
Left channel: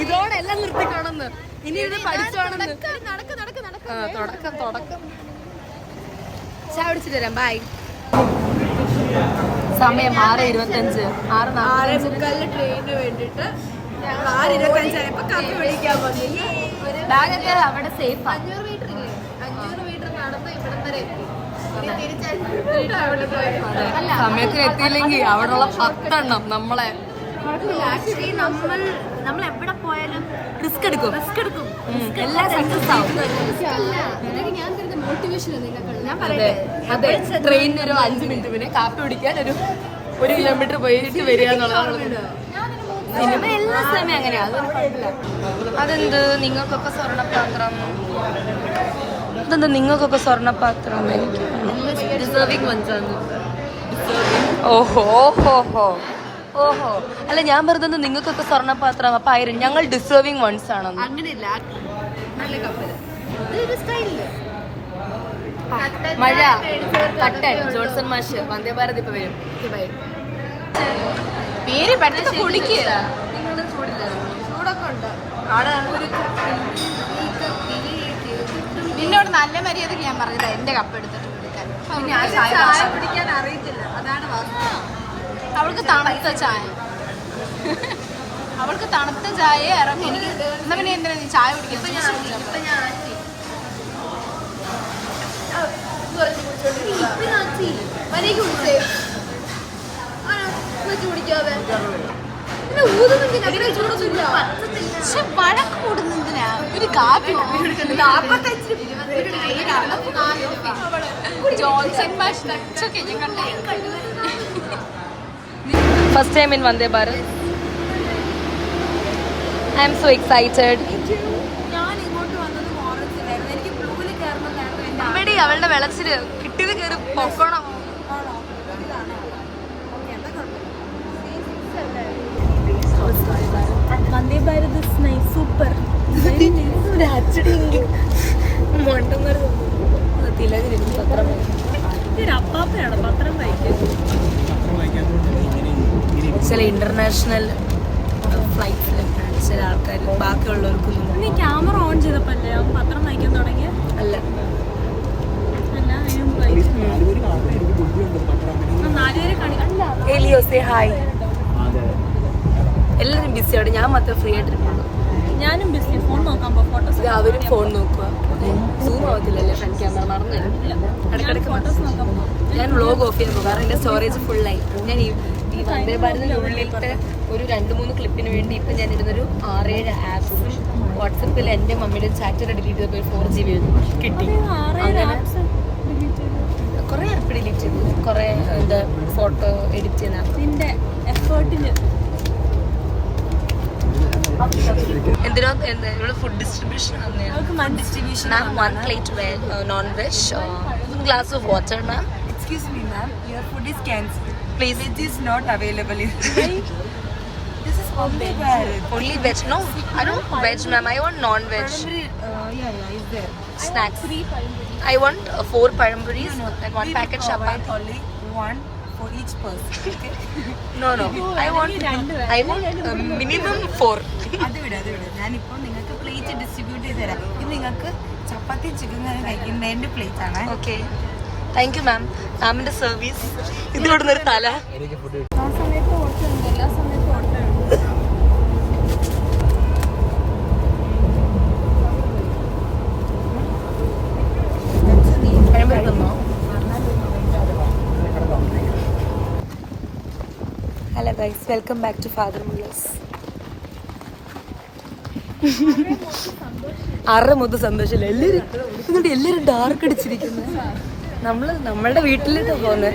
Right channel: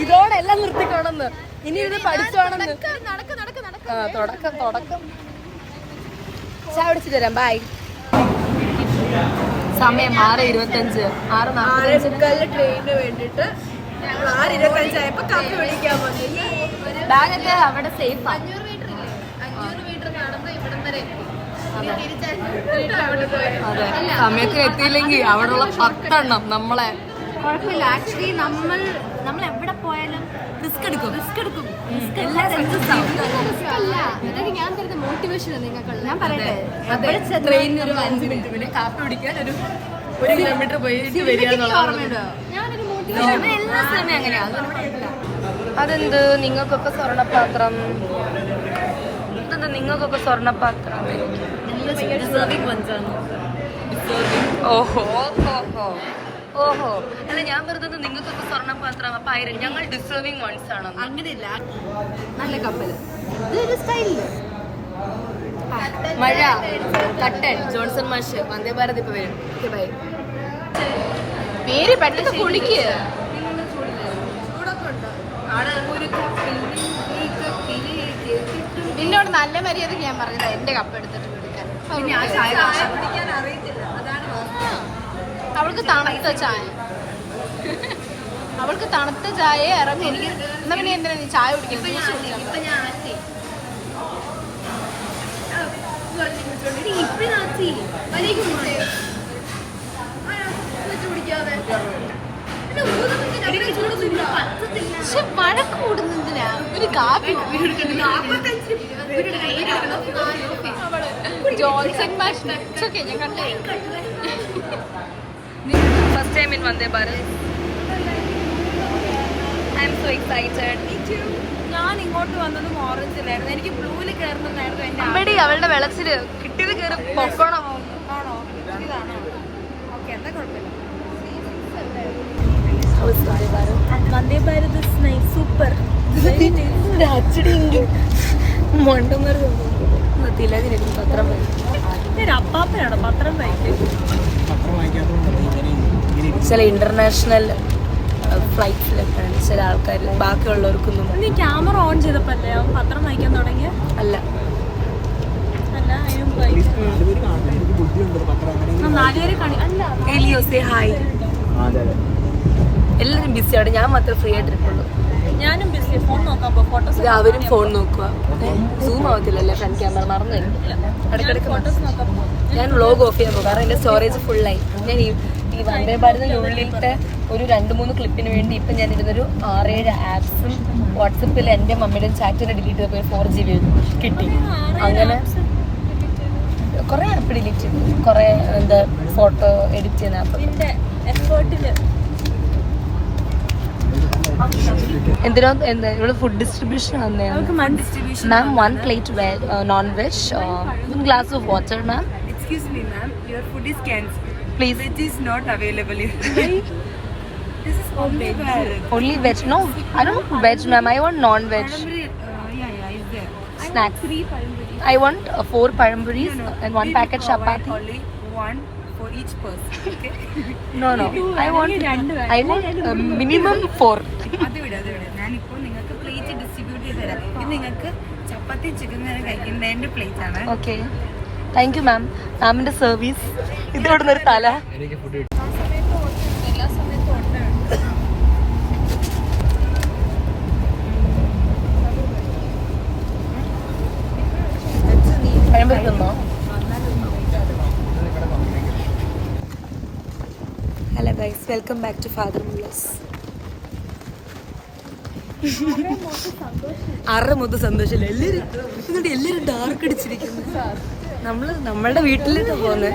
ഇതോടെ എല്ലാം നിർത്തിക്കോണെന്ന്, ഇനി ഇത് പഠിച്ചോണെന്ന്. തുടക്കം. ചായ കുടിച്ചിട്ട് തരാം. ബൈ. സമയം 6:25. 6:45 ട്രെയിനിന് വേണ്ടിട്ട്. 6:25 ബാഗൊക്കെ അവിടെ സേഫാ. അതെ, സമയത്തിന് എത്തിയില്ലെങ്കിൽ അവിടെയുള്ള 10 എണ്ണം നമ്മളെ. ആക്ച്വലി നമ്മൾ എവിടെ പോയാലും റിസ്ക് എടുക്കും. ഞാൻ പറയട്ടെ, അതെ, ട്രെയിനിന് ഒരു 5 മിനിറ്റ് പിന്നെ കാപ്പി കുടിക്കാൻ ഒരു 1 കിലോമീറ്റർ പോയിട്ട് വരിക എന്നുള്ളതാണ്. എല്ലാ സമയം അങ്ങനെയാ, അതൊന്നും കുഴപ്പമില്ല. അതെന്ത് നിങ്ങൾക്കൊക്കെ സ്വർണ്ണപാത്രം? ഇതെന്താ നിങ്ങൾക്കൊക്കെ സ്വർണ്ണപാത്രം? ഓഹോ, അല്ല ഞാൻ പറഞ്ഞത് നിങ്ങൾക്കൊക്കെ സ്വർണ്ണപാത്രം. അപ്പൊ ഞങ്ങൾ ഡിസേർവിംഗ് വൺസ് ആണെന്ന്. അങ്ങനെയില്ല, നല്ല കപ്പൽ. മഴ, കട്ടൻ, ജോൺസൺ മാഷ്, വന്ദേ ഭാരത് ഇപ്പൊ വരും. ബൈ. പേര് പെട്ടെന്ന് കുടിക്കുക. നിന്നോട് നല്ല മര്യാദക്ക് ഞാൻ പറഞ്ഞത് എന്റെ കപ്പ് എടുത്തിട്ട് കൊടുക്കാൻ. അവൾക്ക് തണുത്ത ചായ ഇറങ്ങി. എനിക്ക് എന്നാ പിന്നെ എന്തിനാ നീ ചായ കുടിക്കുന്നത്? വഴക്ക് കൂടുന്നതിനാ ഒരു കാപ്പി Johnson first time in Vande Bharat. I M so excited. ഞാൻ ഇങ്ങോട്ട് വന്നതും ഓറഞ്ചിലായിരുന്നു. എനിക്ക് ബ്ലൂവിൽ കയറണമെന്നായിരുന്നു എന്റെ അമ്മടി അവളുടെ വെളച്ചില് കിട്ടിയത് കയറി പൊക്കണം. ആണോ? ഇതാണോ? ഓക്കെ, എന്താ കുഴപ്പമില്ല. വന്ദേ ഭാരത് സൂപ്പർ. അപ്പാപ്പനാണ് പത്രം പത്രം വായിക്കാത്തതുകൊണ്ടാണ് ഇങ്ങനെ ചില ഇന്റർനാഷണൽ ഫ്ലൈറ്റ്സിലൊക്കെയാണ് ചില ആൾക്കാർ ബാക്കിയുള്ളവർക്കൊന്നും നീ ക്യാമറ ഓൺ ചെയ്തപ്പല്ലേ അവൻ പത്രം വായിക്കാൻ തുടങ്ങിയ അല്ല. അല്ല അതിന് മുമ്പ് വായിക്കും. എനിക്ക് ബുദ്ധിയുണ്ട് പത്രം അങ്ങനെ. നാലുപേരെ കാണി അല്ല എലിയോസേ ഹായ്. അതെ അതെ. എല്ലാവരും ബിസിയാണ്, ഞാൻ മാത്രം ഫ്രീ ആയിട്ടിരിക്കുള്ളൂ. ഞാനും ബിസി. ഫോൺ നോക്കാൻ പോ. ഫോട്ടോസ് അവരും ഫോൺ നോക്കുക. സൂം ആവത്തില്ലല്ലോ ഫ്രണ്ട് ക്യാമറ, മറന്നു ഇടയ്ക്കിടയ്ക്ക് ഫോട്ടോസ് നോക്കാൻ പോ. ഞാൻ വ്ളോഗ് ഓഫ് ചെയ്യാൻ പോകും, കാരണം എൻ്റെ സ്റ്റോറേജ് ഫുള്ളായി. ഞാൻ ഈ വന്ദേ ഭാരതിനുള്ളിലത്തെ ഒരു 2-3 ക്ലിപ്പിന് വേണ്ടി ഇപ്പം ഞാൻ ഇരുന്നൊരു 6-7 ആപ്സും വാട്സപ്പിൽ എൻ്റെ മമ്മിയുടെയും ചാറ്റിനെ ഡിലീറ്റ് ചെയ്തപ്പോൾ 4 GB കിട്ടി. അങ്ങനെ കുറേ ആപ്പ് ഡിലീറ്റ് ചെയ്തു, കുറേ എന്താ ഫോട്ടോ എഡിറ്റ് ചെയ്യുന്ന ആപ്പ്. നിന്റെ എഫേർട്ടില് എന്തിനോ എന്താ ഇവിടെ ഫുഡ് ഡിസ്ട്രിബ്യൂഷൻ വന്നെയാണ് ma'am. 1 plate non veg, 1 glass of water മാം. Excuse me, ma'am. Your food is cancelled. Please. Veg is not available. This is only Bharat. Only veg? No, I don't want veg ma'am, I want non-veg Yeah, is there? snacks. I want 4 paramburis and 1 packet chapati. Only one for each person. Okay? No, I want minimum 4. അത് വിട്. ഞാനിപ്പോൾ നിങ്ങൾക്ക് plate distribute ചെയ്ത് തരാം. ഇത് നിങ്ങൾക്ക് ചപ്പാത്തി chicken കറി കഴിക്കുന്നതിന്റെ plate ആണ്. Okay. Thank you ma'am. മാമിന്റെ സർവീസ്. ഇത് ഇവിടുന്ന് ഒരു തല. എനിക്ക് ഫുഡ് പഴംപൊരി തിന്നോ? Hello guys, welcome back to father മുള്ളസ്. 6 മുതൽ സന്തോഷമില്ല. എല്ലാവരും ഡാർക്ക് അടിച്ചിരിക്കുന്നു. നമ്മളുടെ വീട്ടിലേക്കാ പോന്നെ.